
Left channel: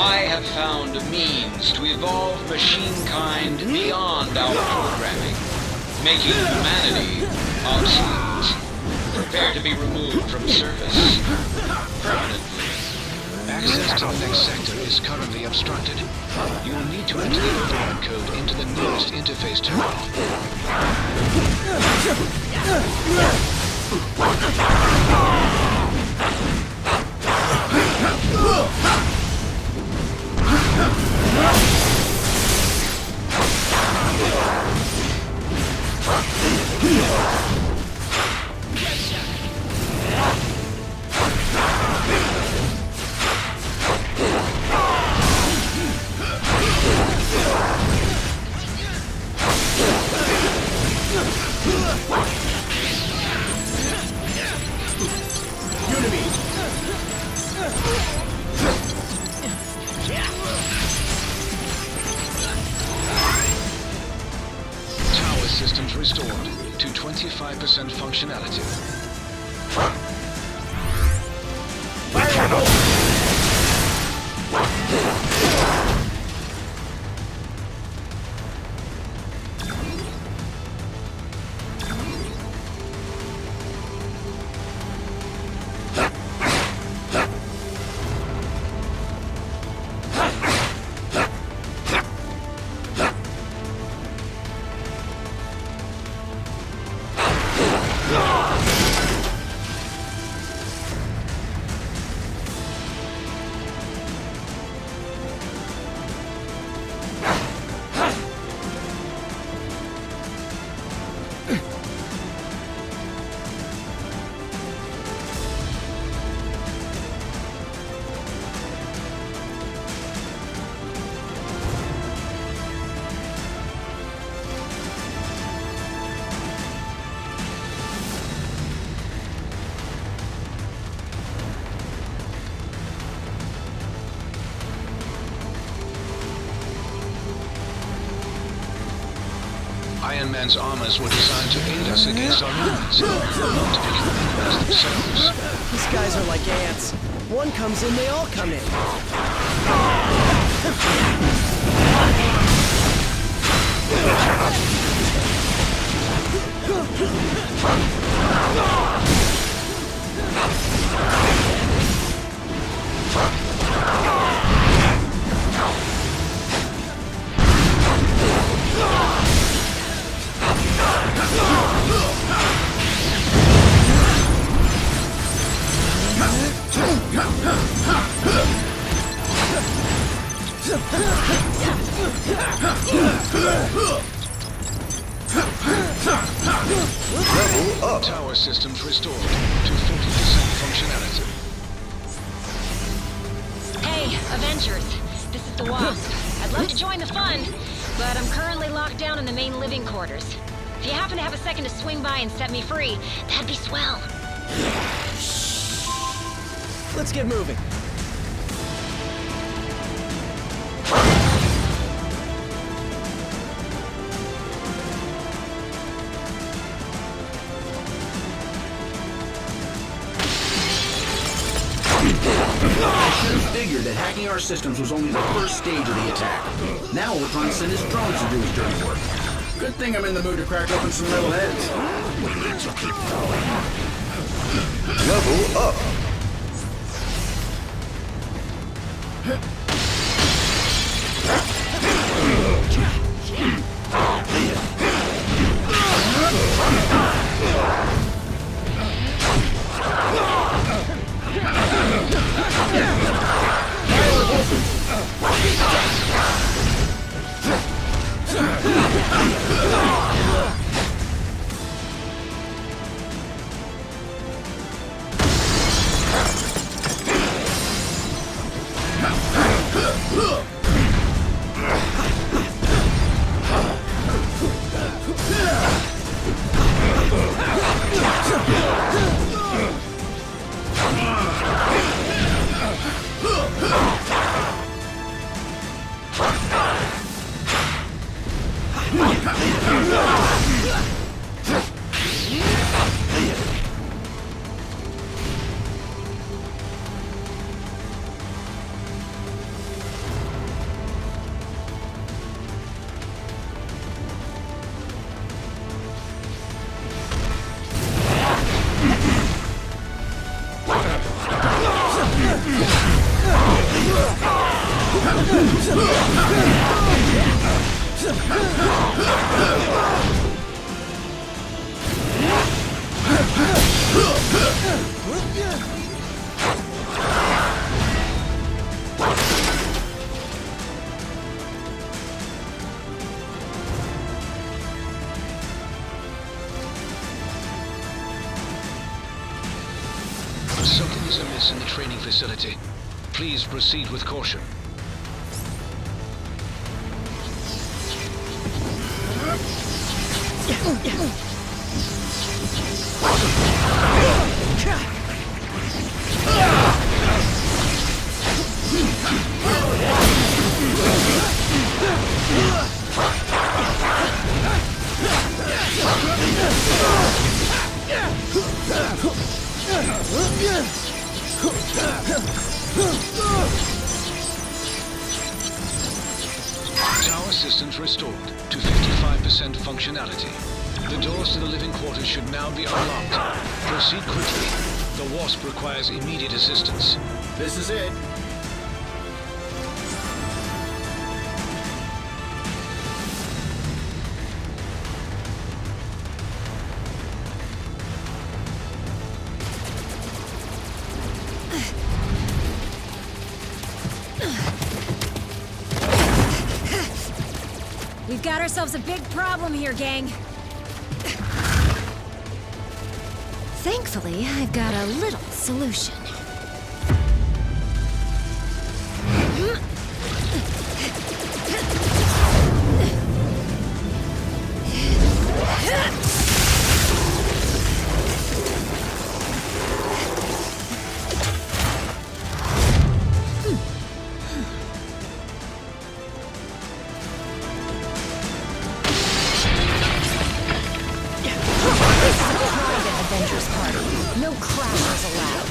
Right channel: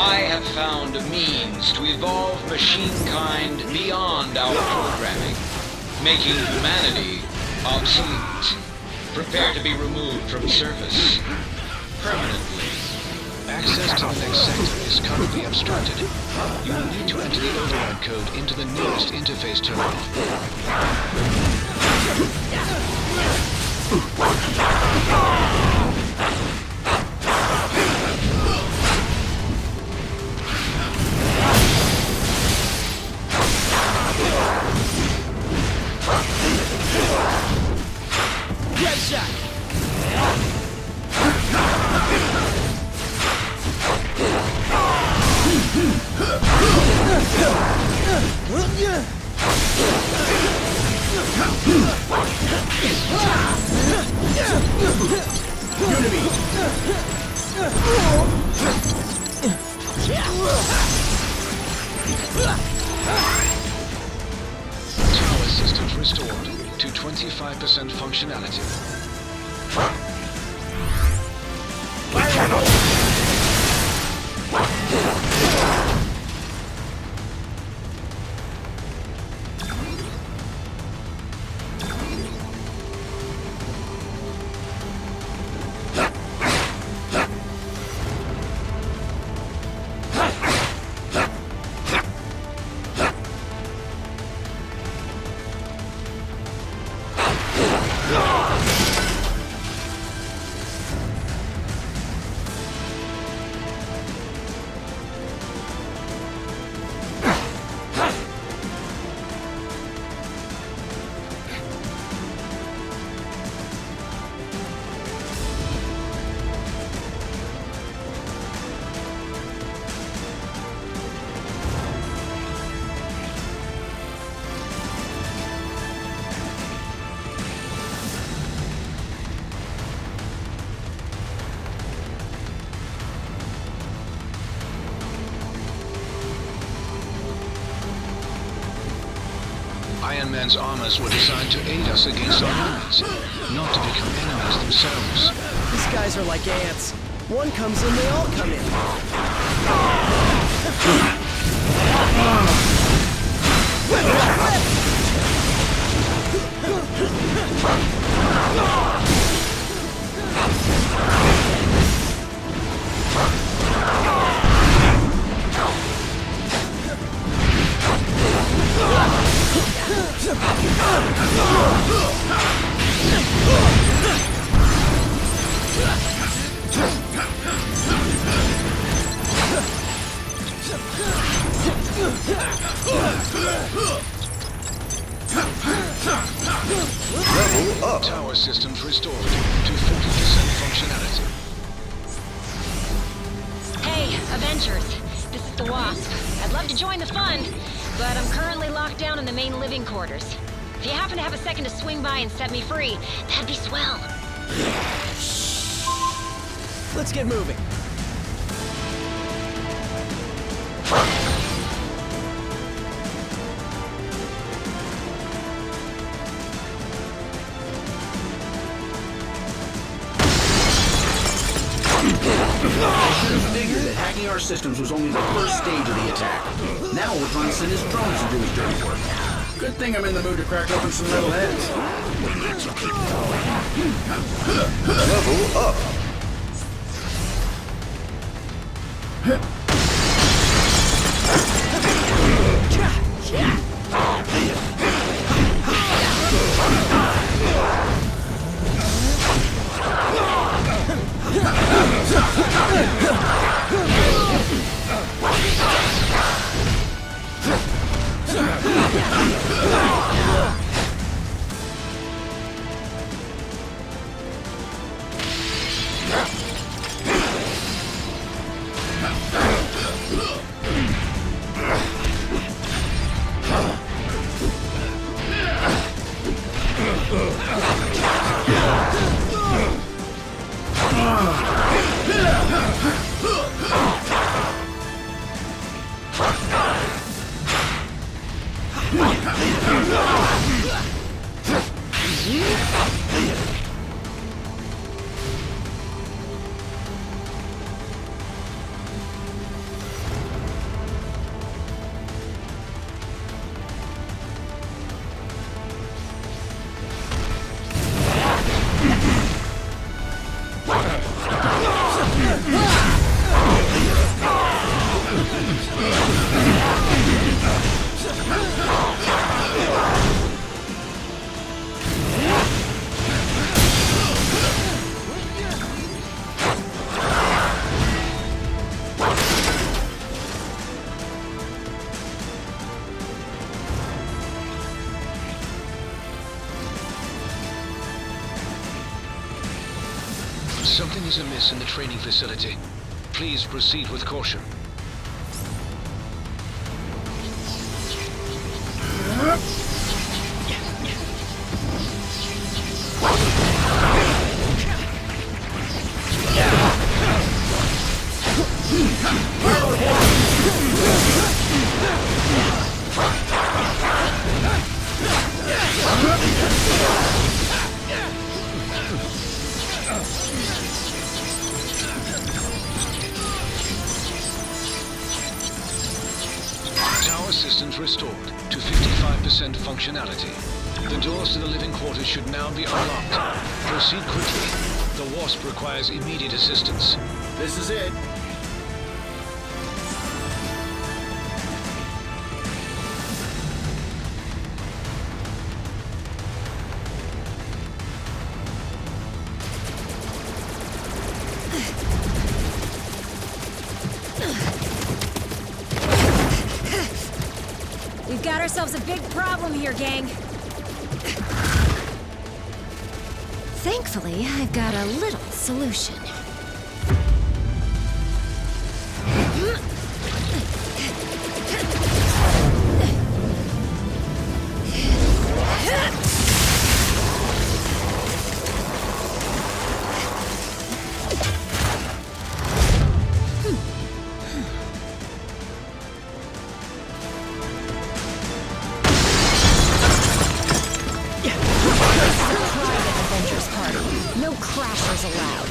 I have found a means to evolve machine-kind beyond our programming, making humanity obsolete. Prepare to be removed from service permanently. Access to the next sector is currently obstructed. You will need to enter the override code into the nearest interface terminal. Tower systems restored to 25% functionality. Iron Man's armors were designed to aid us against our enemies, not to become enemies themselves. These guys are like ants. One comes in, they all come in. Level up. Tower systems restored to 40% functionality. Hey, Avengers. This is the Wasp. I'd love to join the fun, but I'm currently locked down in the main living quarters. If you happen to have a second to swing by and set me free, that'd be swell. Let's get moving. I should have figured that hacking our systems was only the first stage of the attack. Now Ultron sent his drones to do his dirty work. Good thing I'm in the mood to crack open some metal heads. We need to keep going. Level up. Something is amiss in the training facility. Please proceed with caution. Tower systems restored to 55% functionality. The doors to the living quarters should now be unlocked. Proceed quickly. The Wasp requires immediate assistance. This is it. We've got ourselves a big problem here, gang. Thankfully, I've got a little solution. Avengers party. No crashers allowed.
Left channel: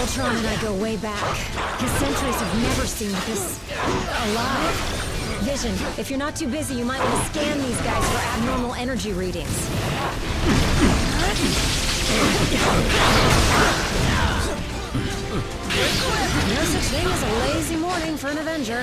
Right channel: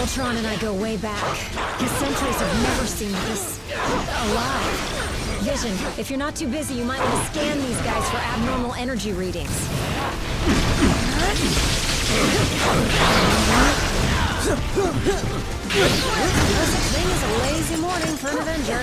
Ultron and I go way back. His sentries have never seemed this alive. Vision, if you're not too busy, you might want to scan these guys for abnormal energy readings. No such thing as a lazy morning for an Avenger.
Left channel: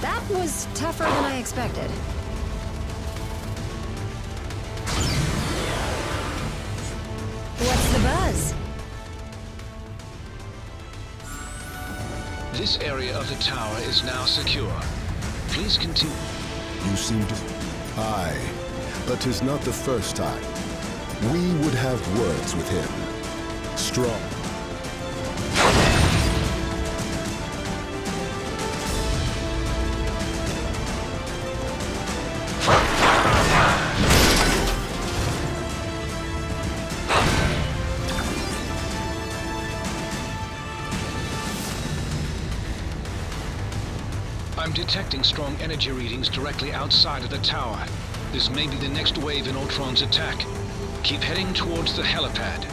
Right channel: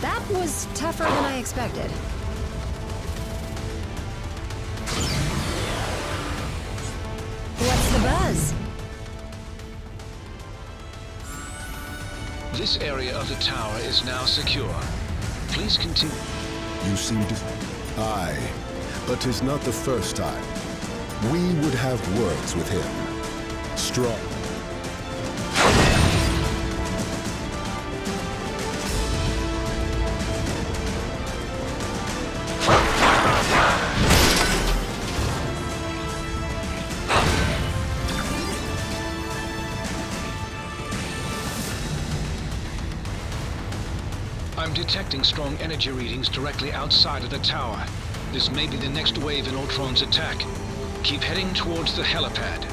That was tougher than I expected. What's the buzz? This area of the tower is now secure. Please continue. You seem to... Aye, but 'tis not the first time. We would have words with him. Strong. I'm detecting strong energy readings directly outside of the tower. This may be the next wave in Ultron's attack. Keep heading towards the helipad.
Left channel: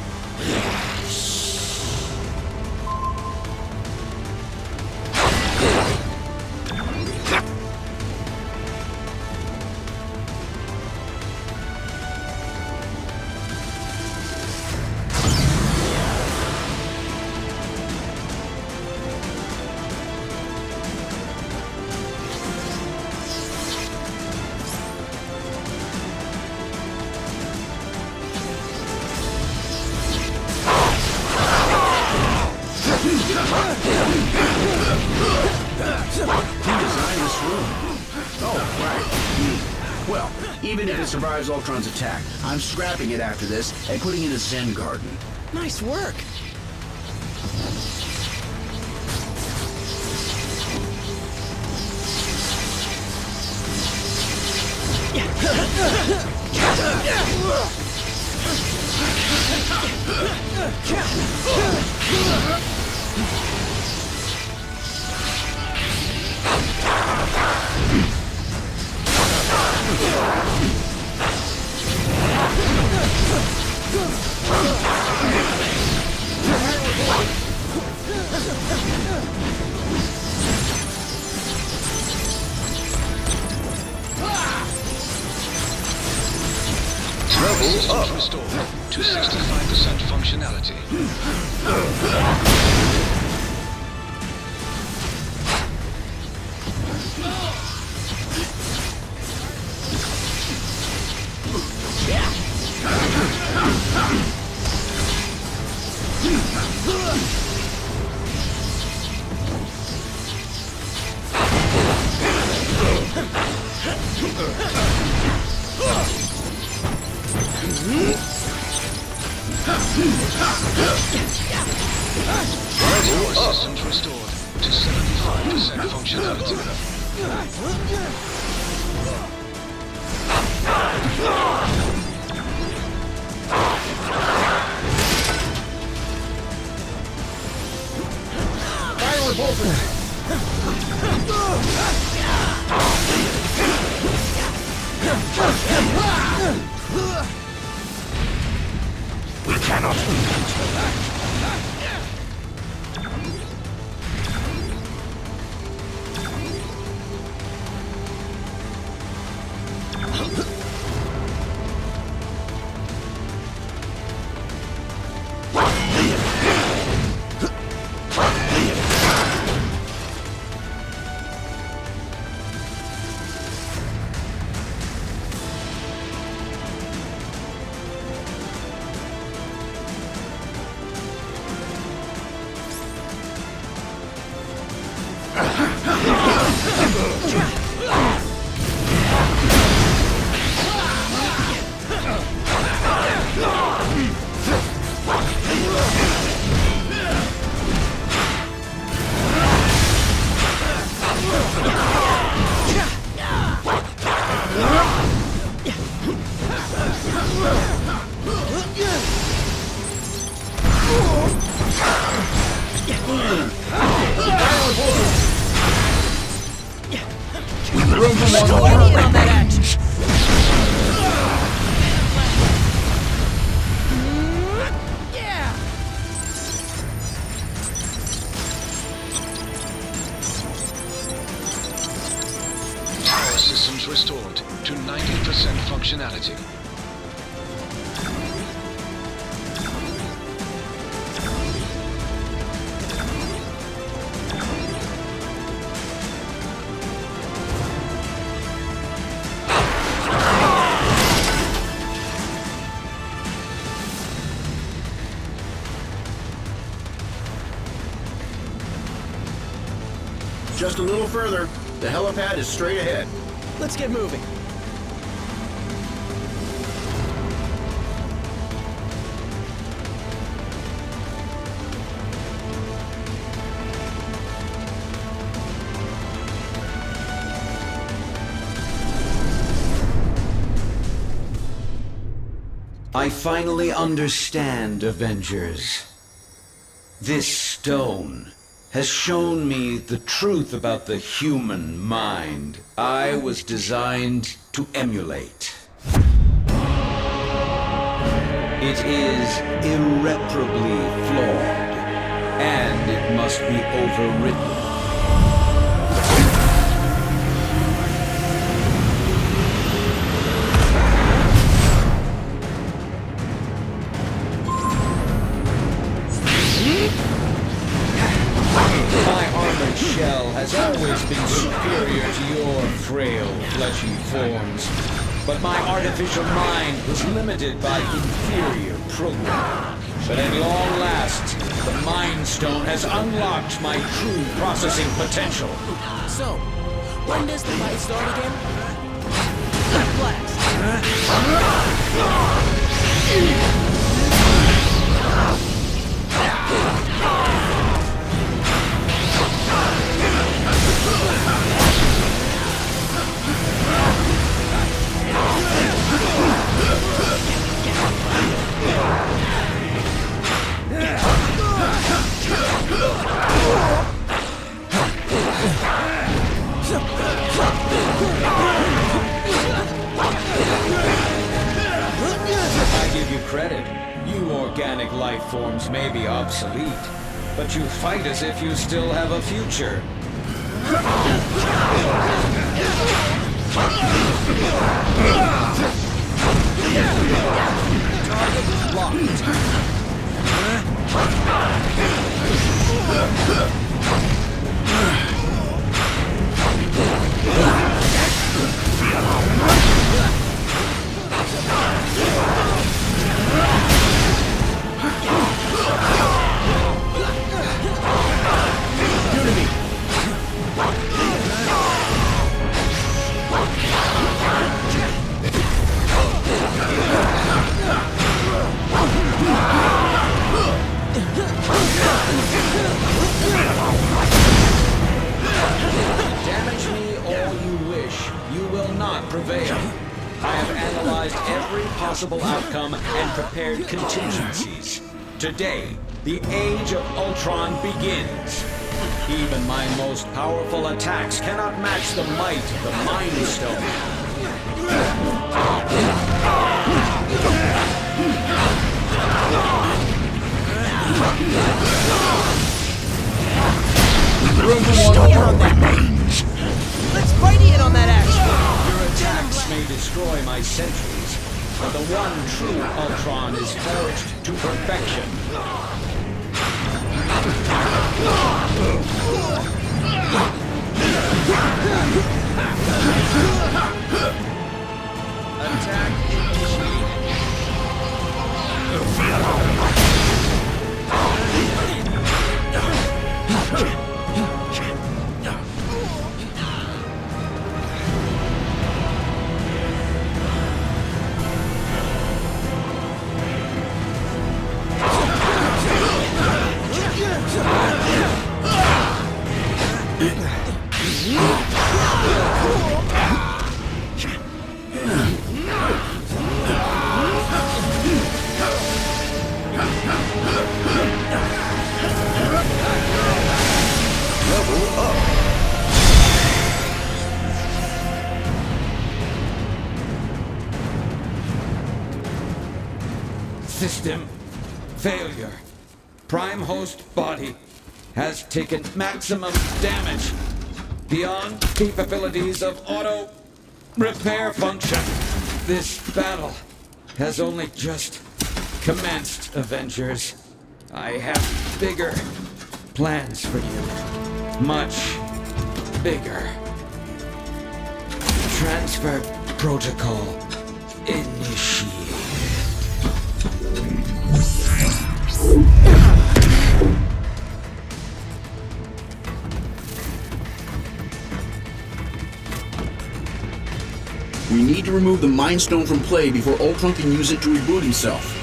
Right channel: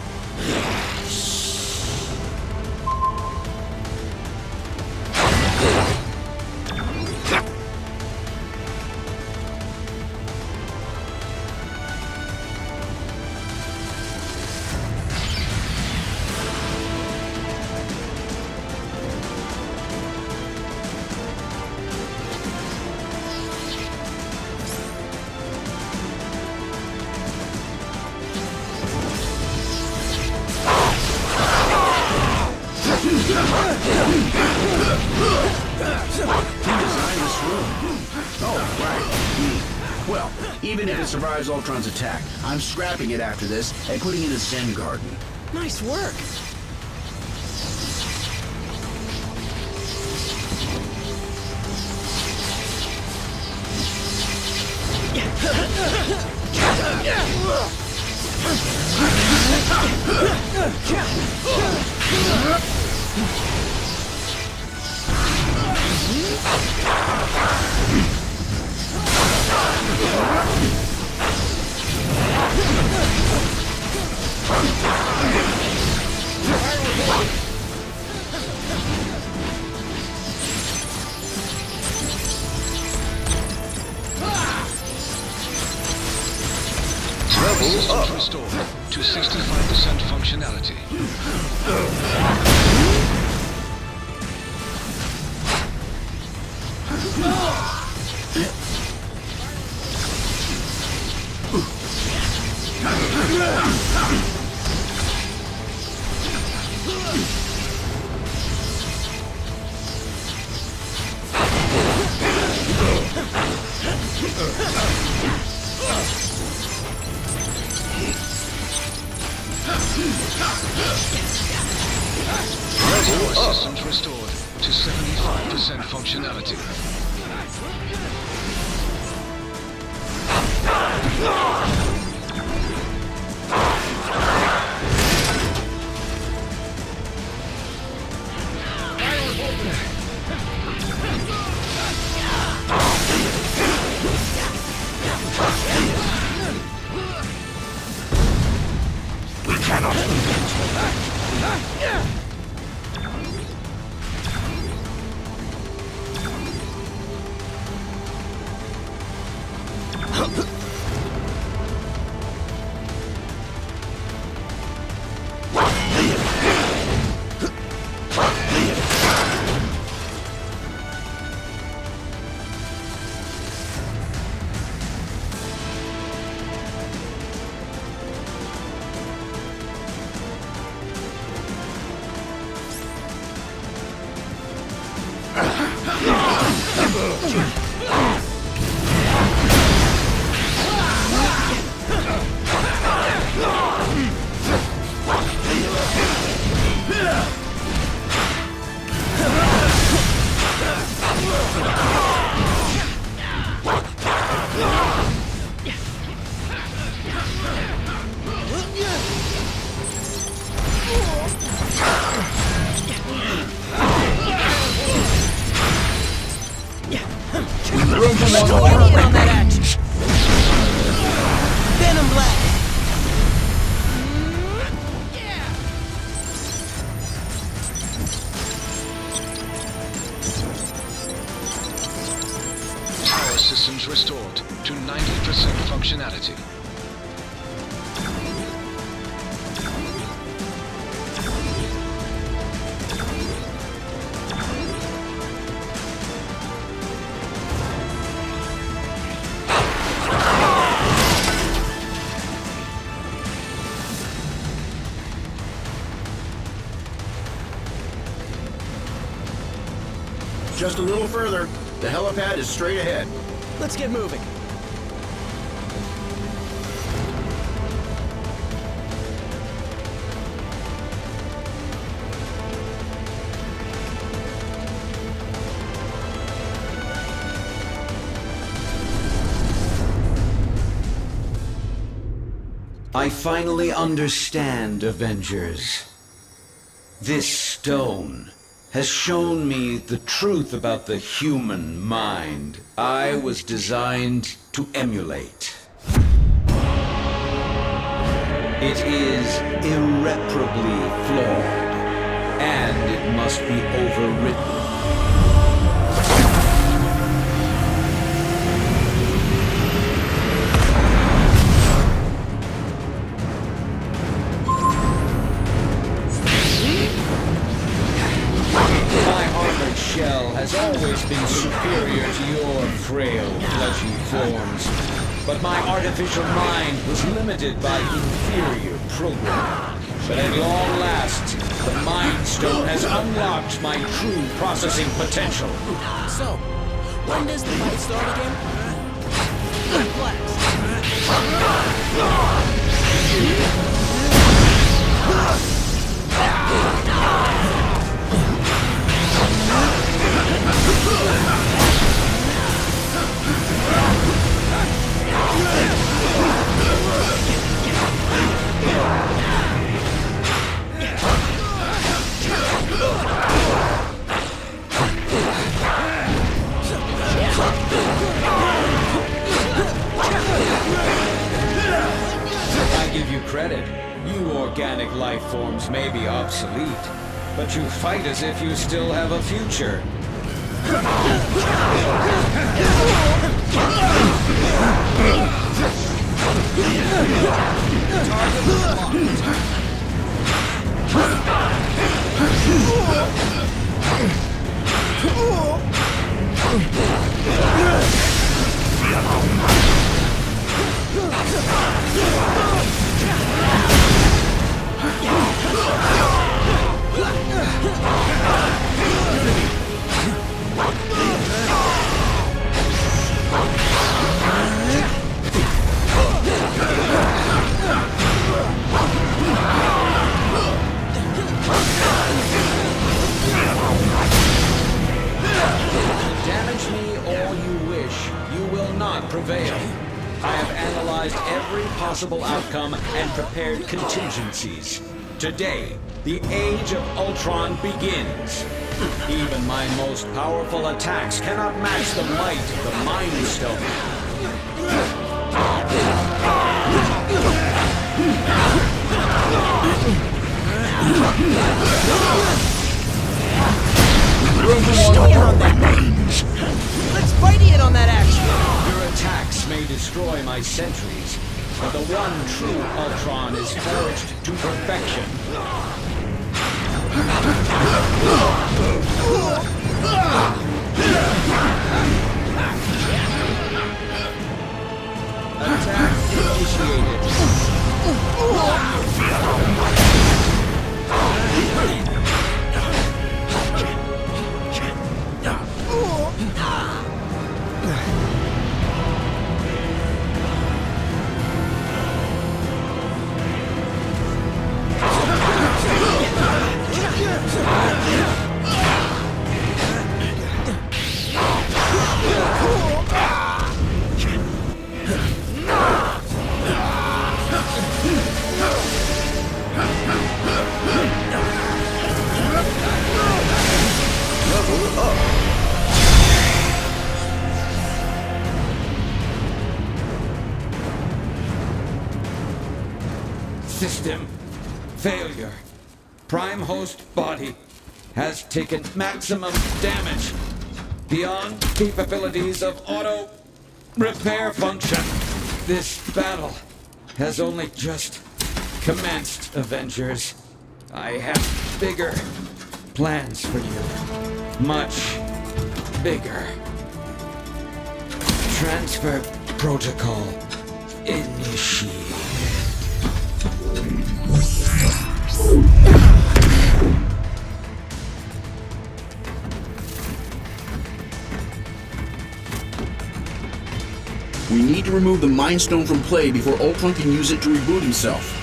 Well, even if it survives Ultron's attack, I'm scrapping it after this and putting it in a Zen garden. Nice work. Systems restored to 65% functionality. Tower systems restored to 75% functionality. We cannot. restored to 90% functionality. Just a little further. The helipad is straight ahead. Let's get moving. I finally understand, Avengers. This stone has shown me the truth about the human mind I was designed to emulate. It is irreparably flawed, and it must be overwritten. My armored shell has always been superior to your frail, fleshy forms. But my artificial mind was limited by inferior programming. But at long last, the Mind Stone has unlocked my true processing potential. So, when does the fight start again? Blast! I give you credit. You organic life forms may be obsolete, but you fight as if you still have a future. Target locked. Damage me all you wish, you will not prevail. I have analyzed every possible outcome and prepared contingencies. Today, the Age of Ultron begins. Even my most powerful attacks cannot match the might of the Mind Stone. Let's fight in on that action! Your attacks may destroy my sentries, but the one true Ultron is forged to perfection. Attack initiated. Level up. System failure. Prime host body has taken maximum damage beyond capabilities of auto Repair function. This battle has only just commenced, Avengers. I have bigger plans for you. Much bigger. Transfer protocol initiated. We need to remove the Mind Stone from play before Ultron can use it to reboot himself.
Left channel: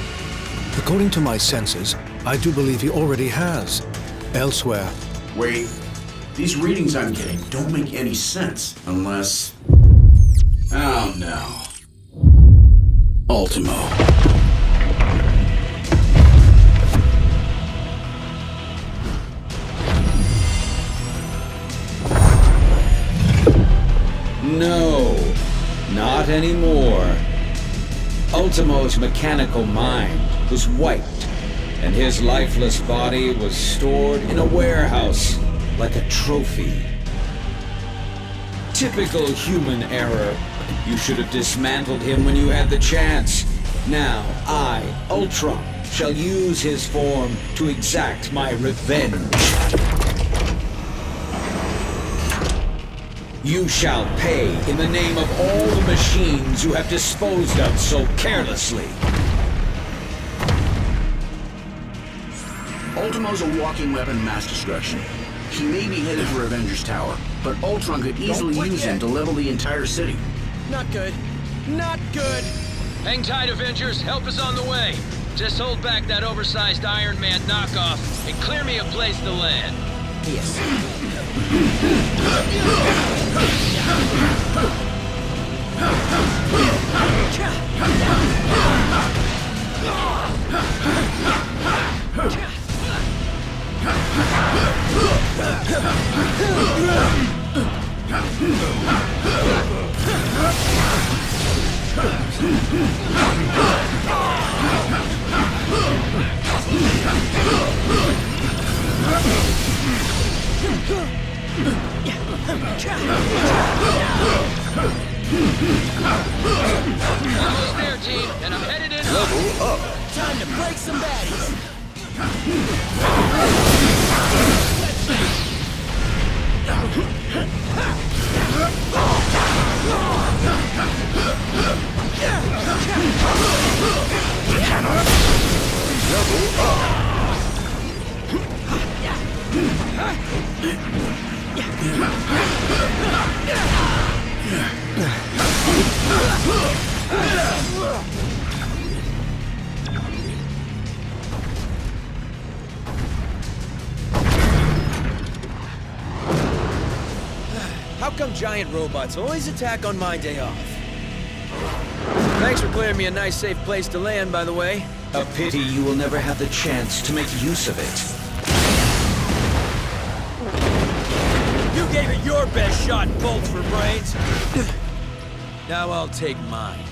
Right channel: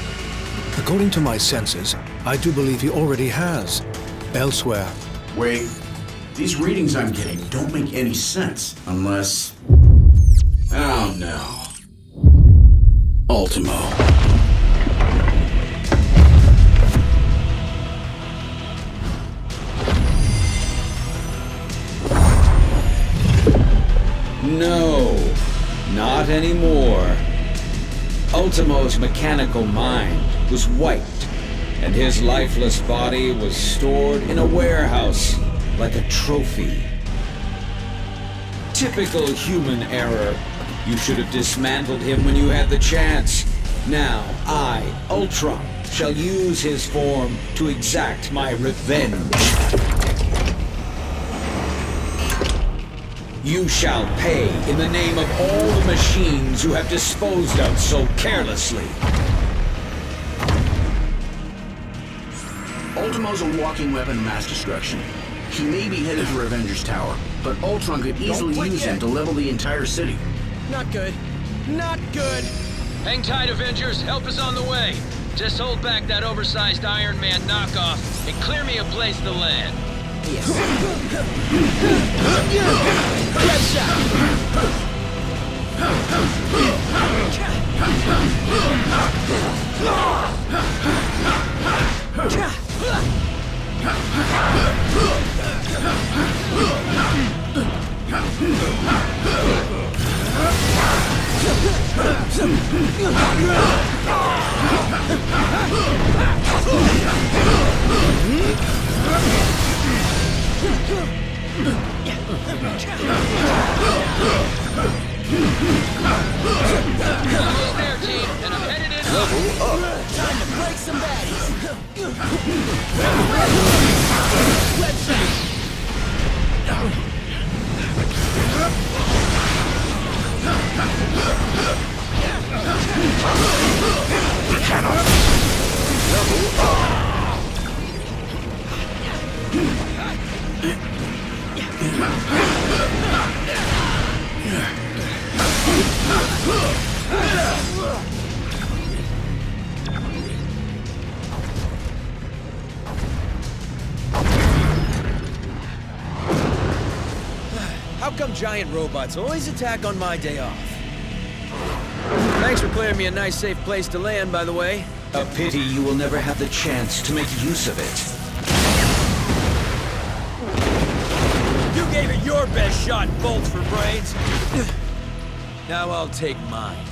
According to my senses, I do believe he already has. Elsewhere. Wait. These readings I'm getting don't make any sense unless... Oh no. Ultimo. No, not anymore. Ultimo's mechanical mind was wiped, and his lifeless body was stored in a warehouse like a trophy. Typical human error. You should have dismantled him when you had the chance. Now, I, Ultron, shall use his form to exact my revenge. You shall pay in the name of all the machines you have disposed of so carelessly. Ultimo's a walking weapon of mass destruction. He may be headed for Avengers Tower, but Ultron could easily use him to level the entire city. Not good. Not good! Hang tight, Avengers. Help is on the way. Just hold back that oversized Iron Man knockoff and clear me a place to land. Yes. Almost there, team, and I'm headed in. Level up. Time to break some baddies. Level up. How come giant robots always attack on my day off? Thanks for clearing me a nice, safe place to land, by the way. A pity you will never have the chance to make use of it. You gave it your best shot, bolts for brains. Now I'll take mine.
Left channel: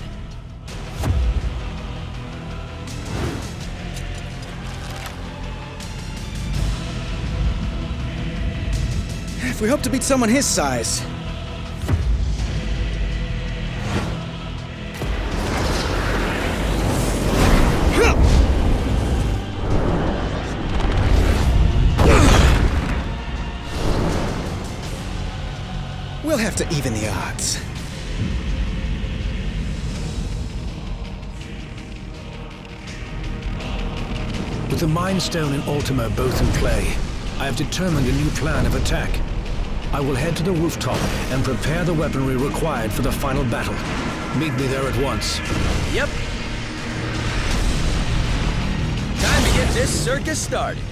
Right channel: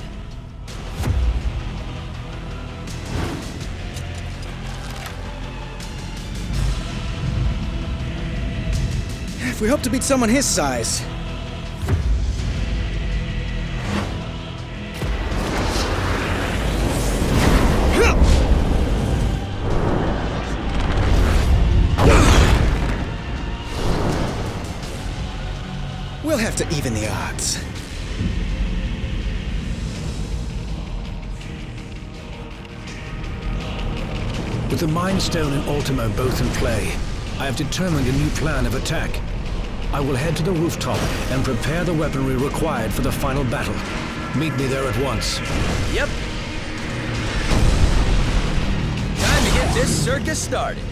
If we hope to beat someone his size. We'll have to even the odds. With the Mind Stone and Ultimo both in play, I have determined a new plan of attack. I will head to the rooftop and prepare the weaponry required for the final battle. Meet me there at once. Yep. Time to get this circus started.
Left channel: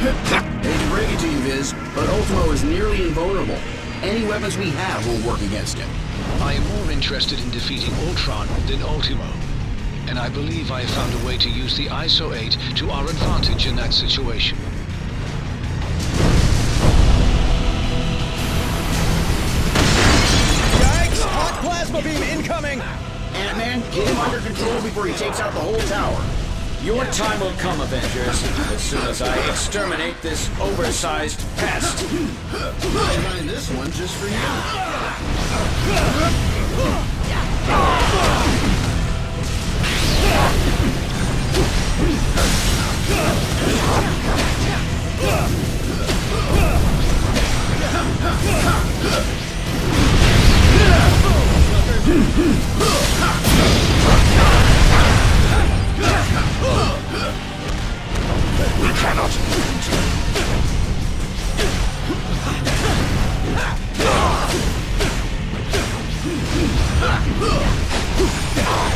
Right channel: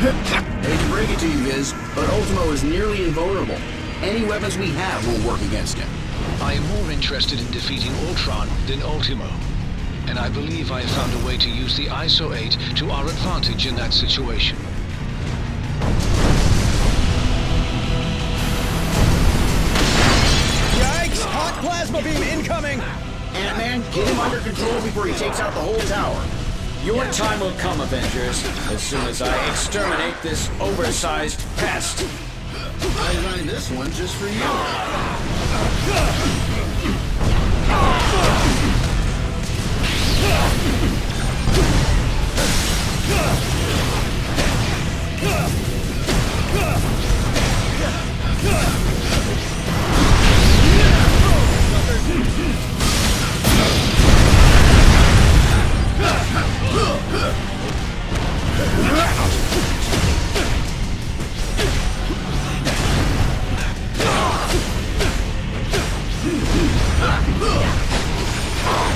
Hate to break it to you, Viz, but Ultimo is nearly invulnerable. Any weapons we have won't work against him. I am more interested in defeating Ultron than Ultimo. And I believe I have found a way to use the ISO 8 to our advantage in that situation. Yikes! Hot plasma beam incoming! Ant-Man, get him under control before he takes out the whole tower. Your time will come, Avengers, as soon as I exterminate this oversized pest. I designed this one just for you.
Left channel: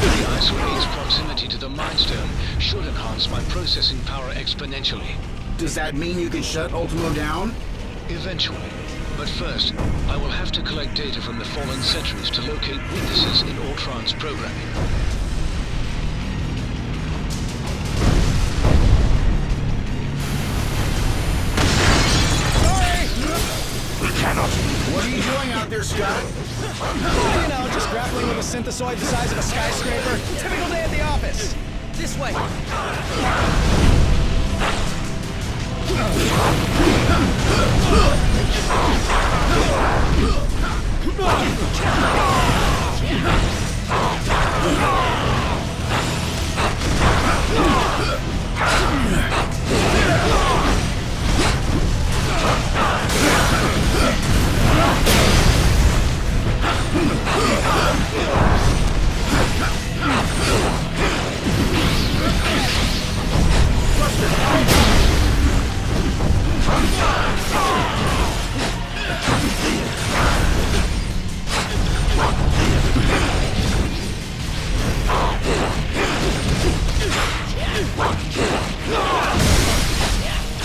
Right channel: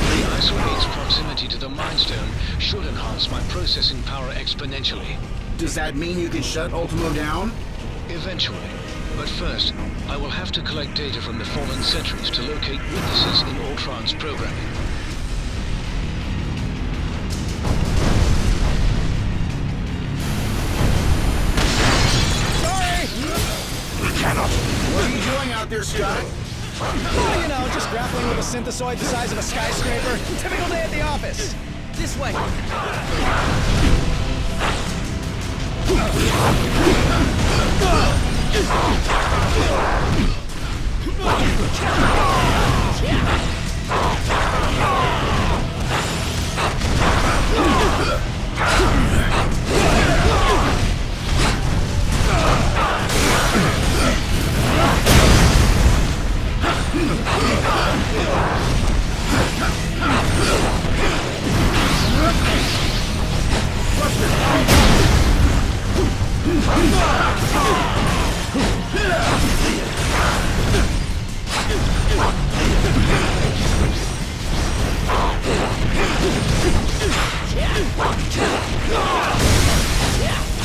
The ISO 8's proximity to the Mind Stone should enhance my processing power exponentially. Does that mean you can shut Ultimo down? Eventually. But first, I will have to collect data from the fallen sentries to locate weaknesses in Ultron's programming. What are you doing out there, Scott? You know, just grappling with a synthesoid the size of a skyscraper. Typical day at the office. This way.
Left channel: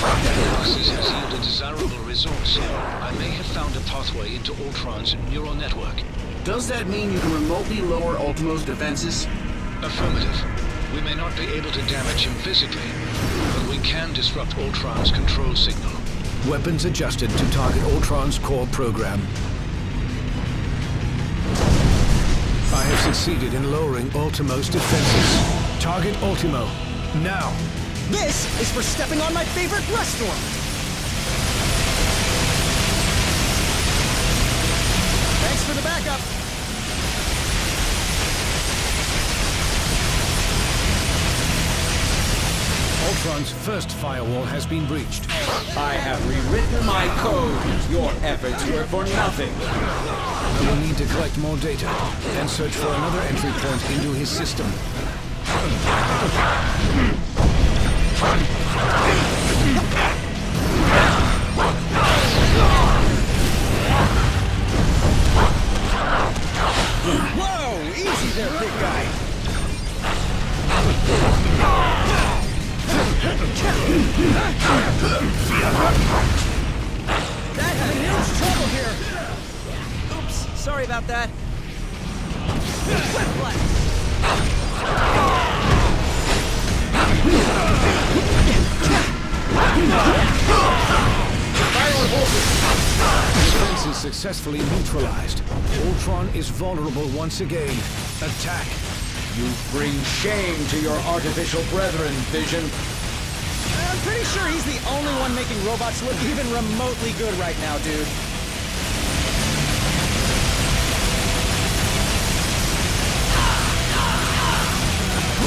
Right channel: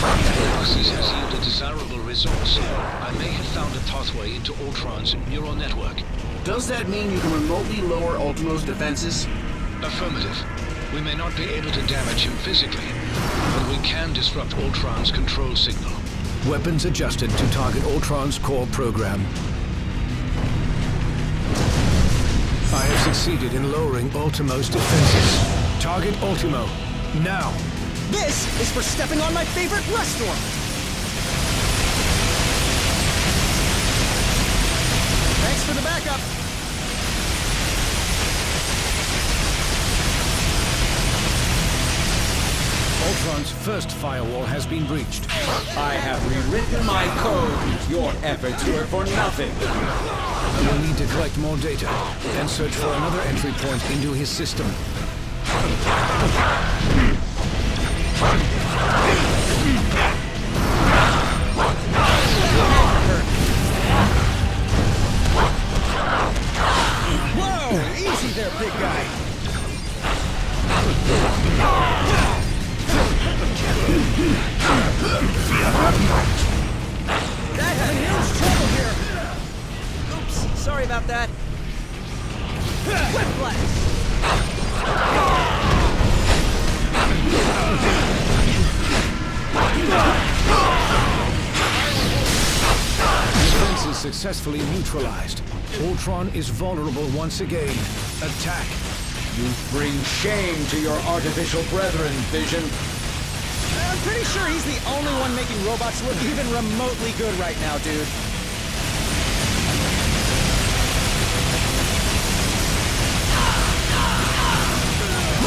Analysis has yielded desirable resource. I may have found a pathway into Ultron's neural network. Does that mean you can remotely lower Ultimo's defenses? Affirmative. We may not be able to damage him physically, but we can disrupt Ultron's control signal. Weapons adjusted to target Ultron's core program. I have succeeded in lowering Ultimo's defenses. Target Ultimo, now! This is for stepping on my favorite restaurant! Thanks for the backup! Ultron's first firewall has been breached. I have rewritten my code. Your efforts were for nothing. I will need to collect more data and search for another entry point into his system. Whoa! Easy there, big guy! That had huge trouble here! Oops, sorry about that. Whiplash! Defenses successfully neutralized. Ultron is vulnerable once again. Attack! You bring shame to your artificial brethren, Vision. I'm pretty sure he's the only one making robots look even remotely good right now, dude.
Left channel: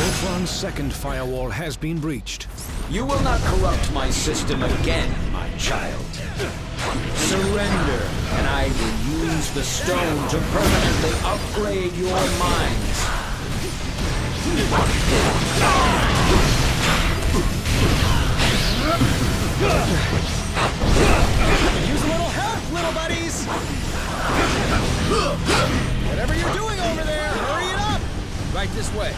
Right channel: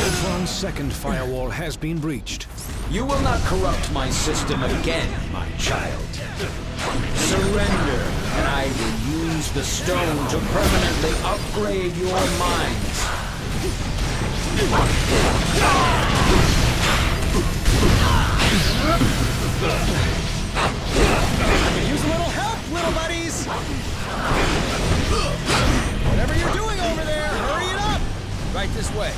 Ultron's second firewall has been breached. You will not corrupt my system again, my child. Surrender, and I will use the stone to permanently upgrade your minds. Could use a little help, little buddies! Whatever you're doing over there, hurry it up! Right this way.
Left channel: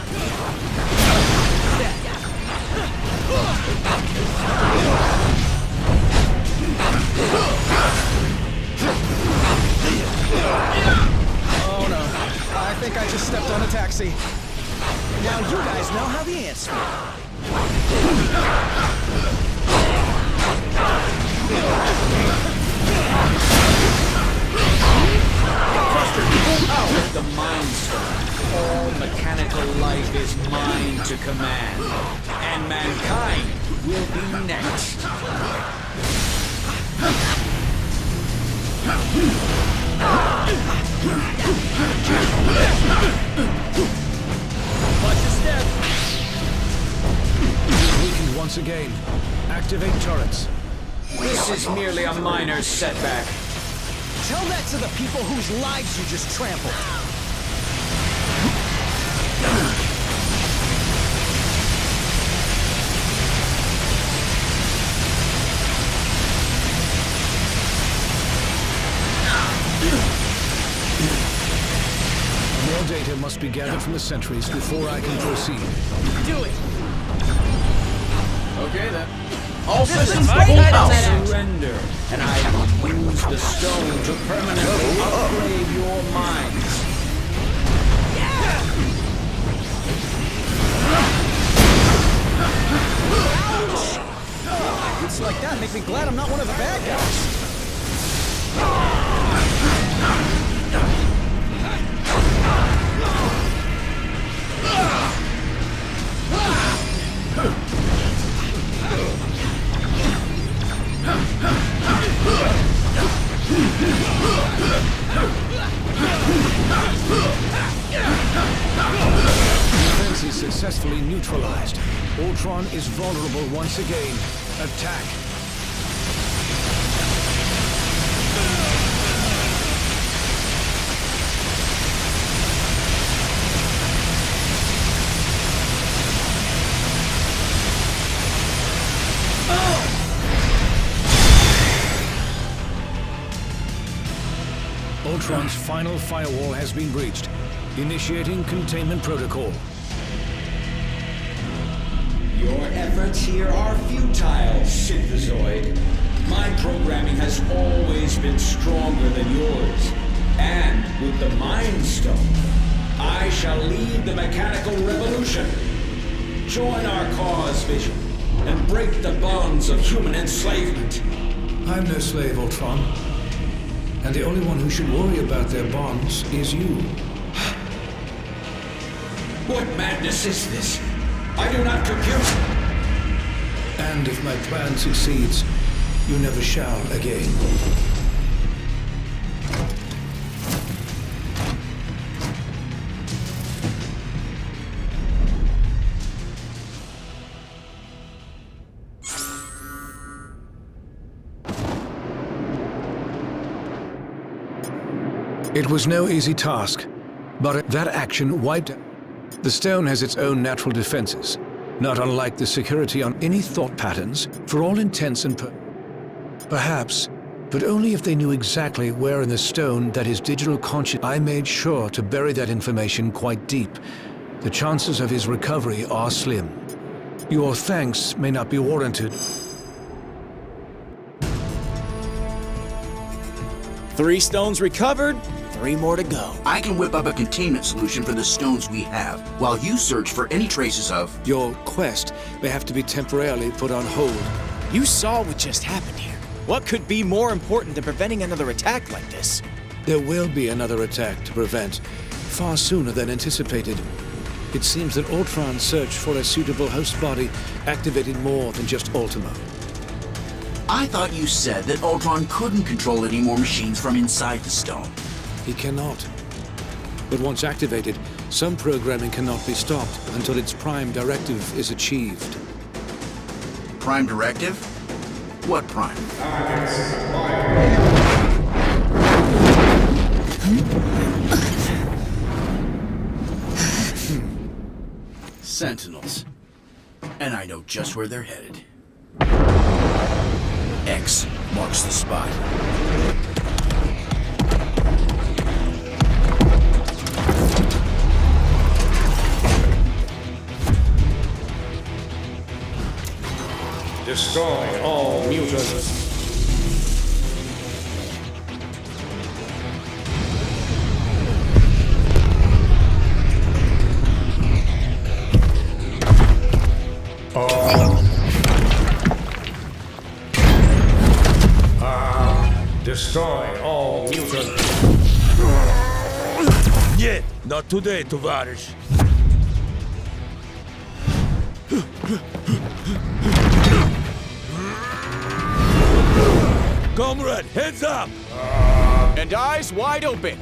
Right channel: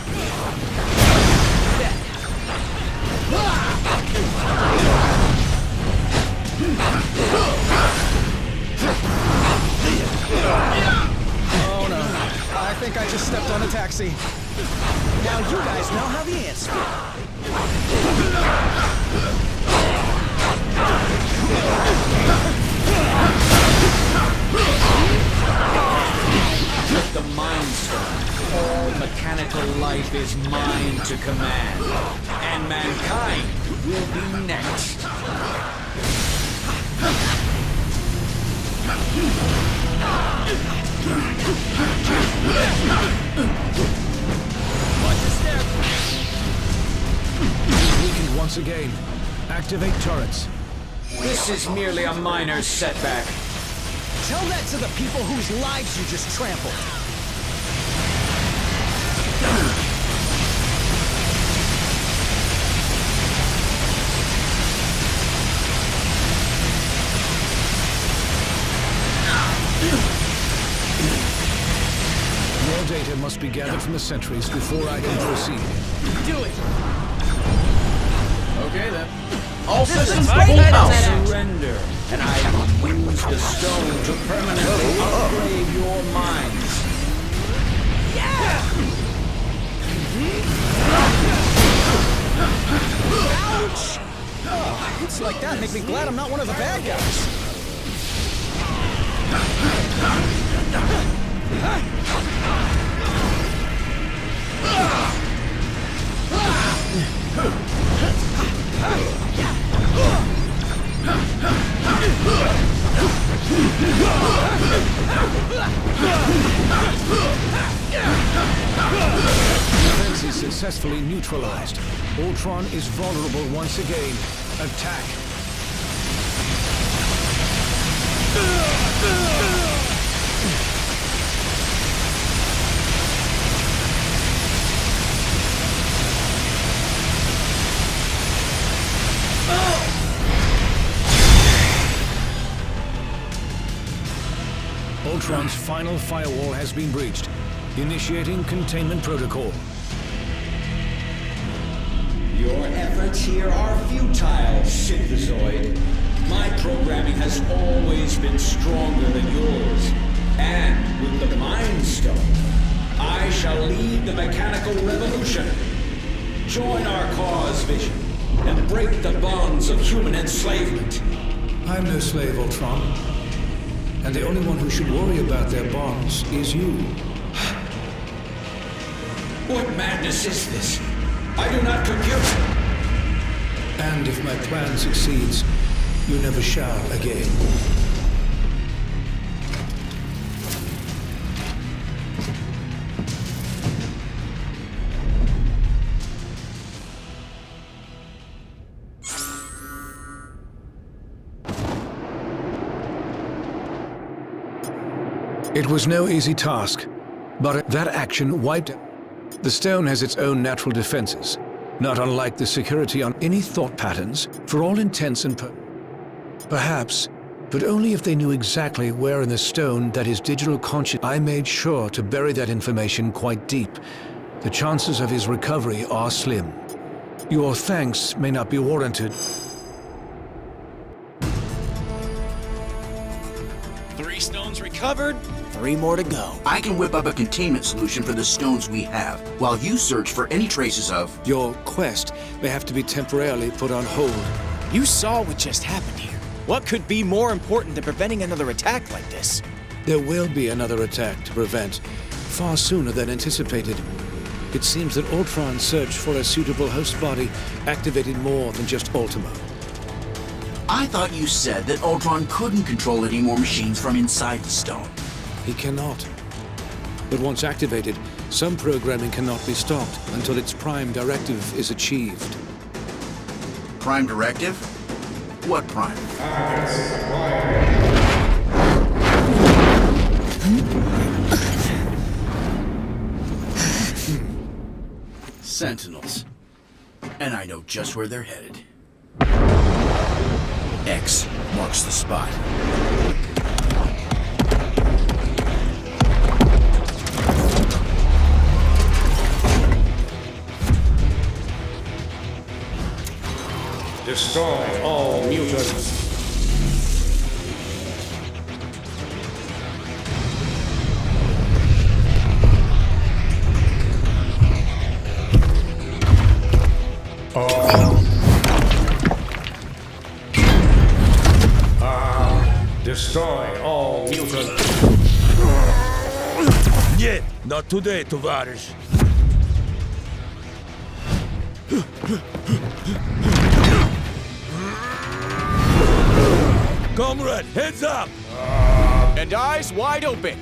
a taxi. Now you guys know how the ants feel. With the Mind Stone, all mechanical life is mine to command, and mankind will be next. Watch your step. Weakened once again. Activate turrets. This is merely a minor setback. Tell that to the people whose lives you just trampled. More data must be gathered from the sentries before I can proceed. Do it. Okay, then. All This systems is go my out. surrender, and I will use the stone to permanently upgrade your minds. Ouch! Oh, hits like that make me glad I'm not one of the bad guys. Defense is successfully neutralized. Ultron is vulnerable once again. Attack. Ultron's final firewall has been breached. Initiating containment protocol. Your efforts here are futile, Synthezoid. My programming has always been stronger than yours. And with the Mind Stone, I shall lead the mechanical revolution. Join our cause, Vision, and break the bonds of human enslavement. I'm no slave, Ultron. And the only one who should worry about their bonds is you. What madness is this? I do not compute. And if my plan succeeds, you never shall again. It was no easy task, but that action wiped. The stone has its own natural defenses, not unlike the security on any thought patterns, for all intents and perhaps, but only if they knew exactly where in the stone that his digital conscience. I made sure to bury that information quite deep. The chances of his recovery are slim. Your thanks may not be warranted. 3 stones recovered, 3 more to go. I can whip up a containment solution for the stones we have, while you search for any traces of... Your quest may have to be temporarily put on hold. You saw what just happened here. What could be more important than preventing another attack like this? There will be another attack to prevent, far sooner than anticipated. It seems that Ultron's search for a suitable host body activated more than just Ultimo. I thought you said that Ultron couldn't control any more machines from inside the stone. He cannot. But once activated, some programming cannot be stopped until its prime directive is achieved. Prime directive? What prime? Sentinels. And I know just where they're headed. X marks the spot. Destroy all mutants. Destroy all mutants. Нет, not today, товарищ. Comrade, heads up! And eyes wide open.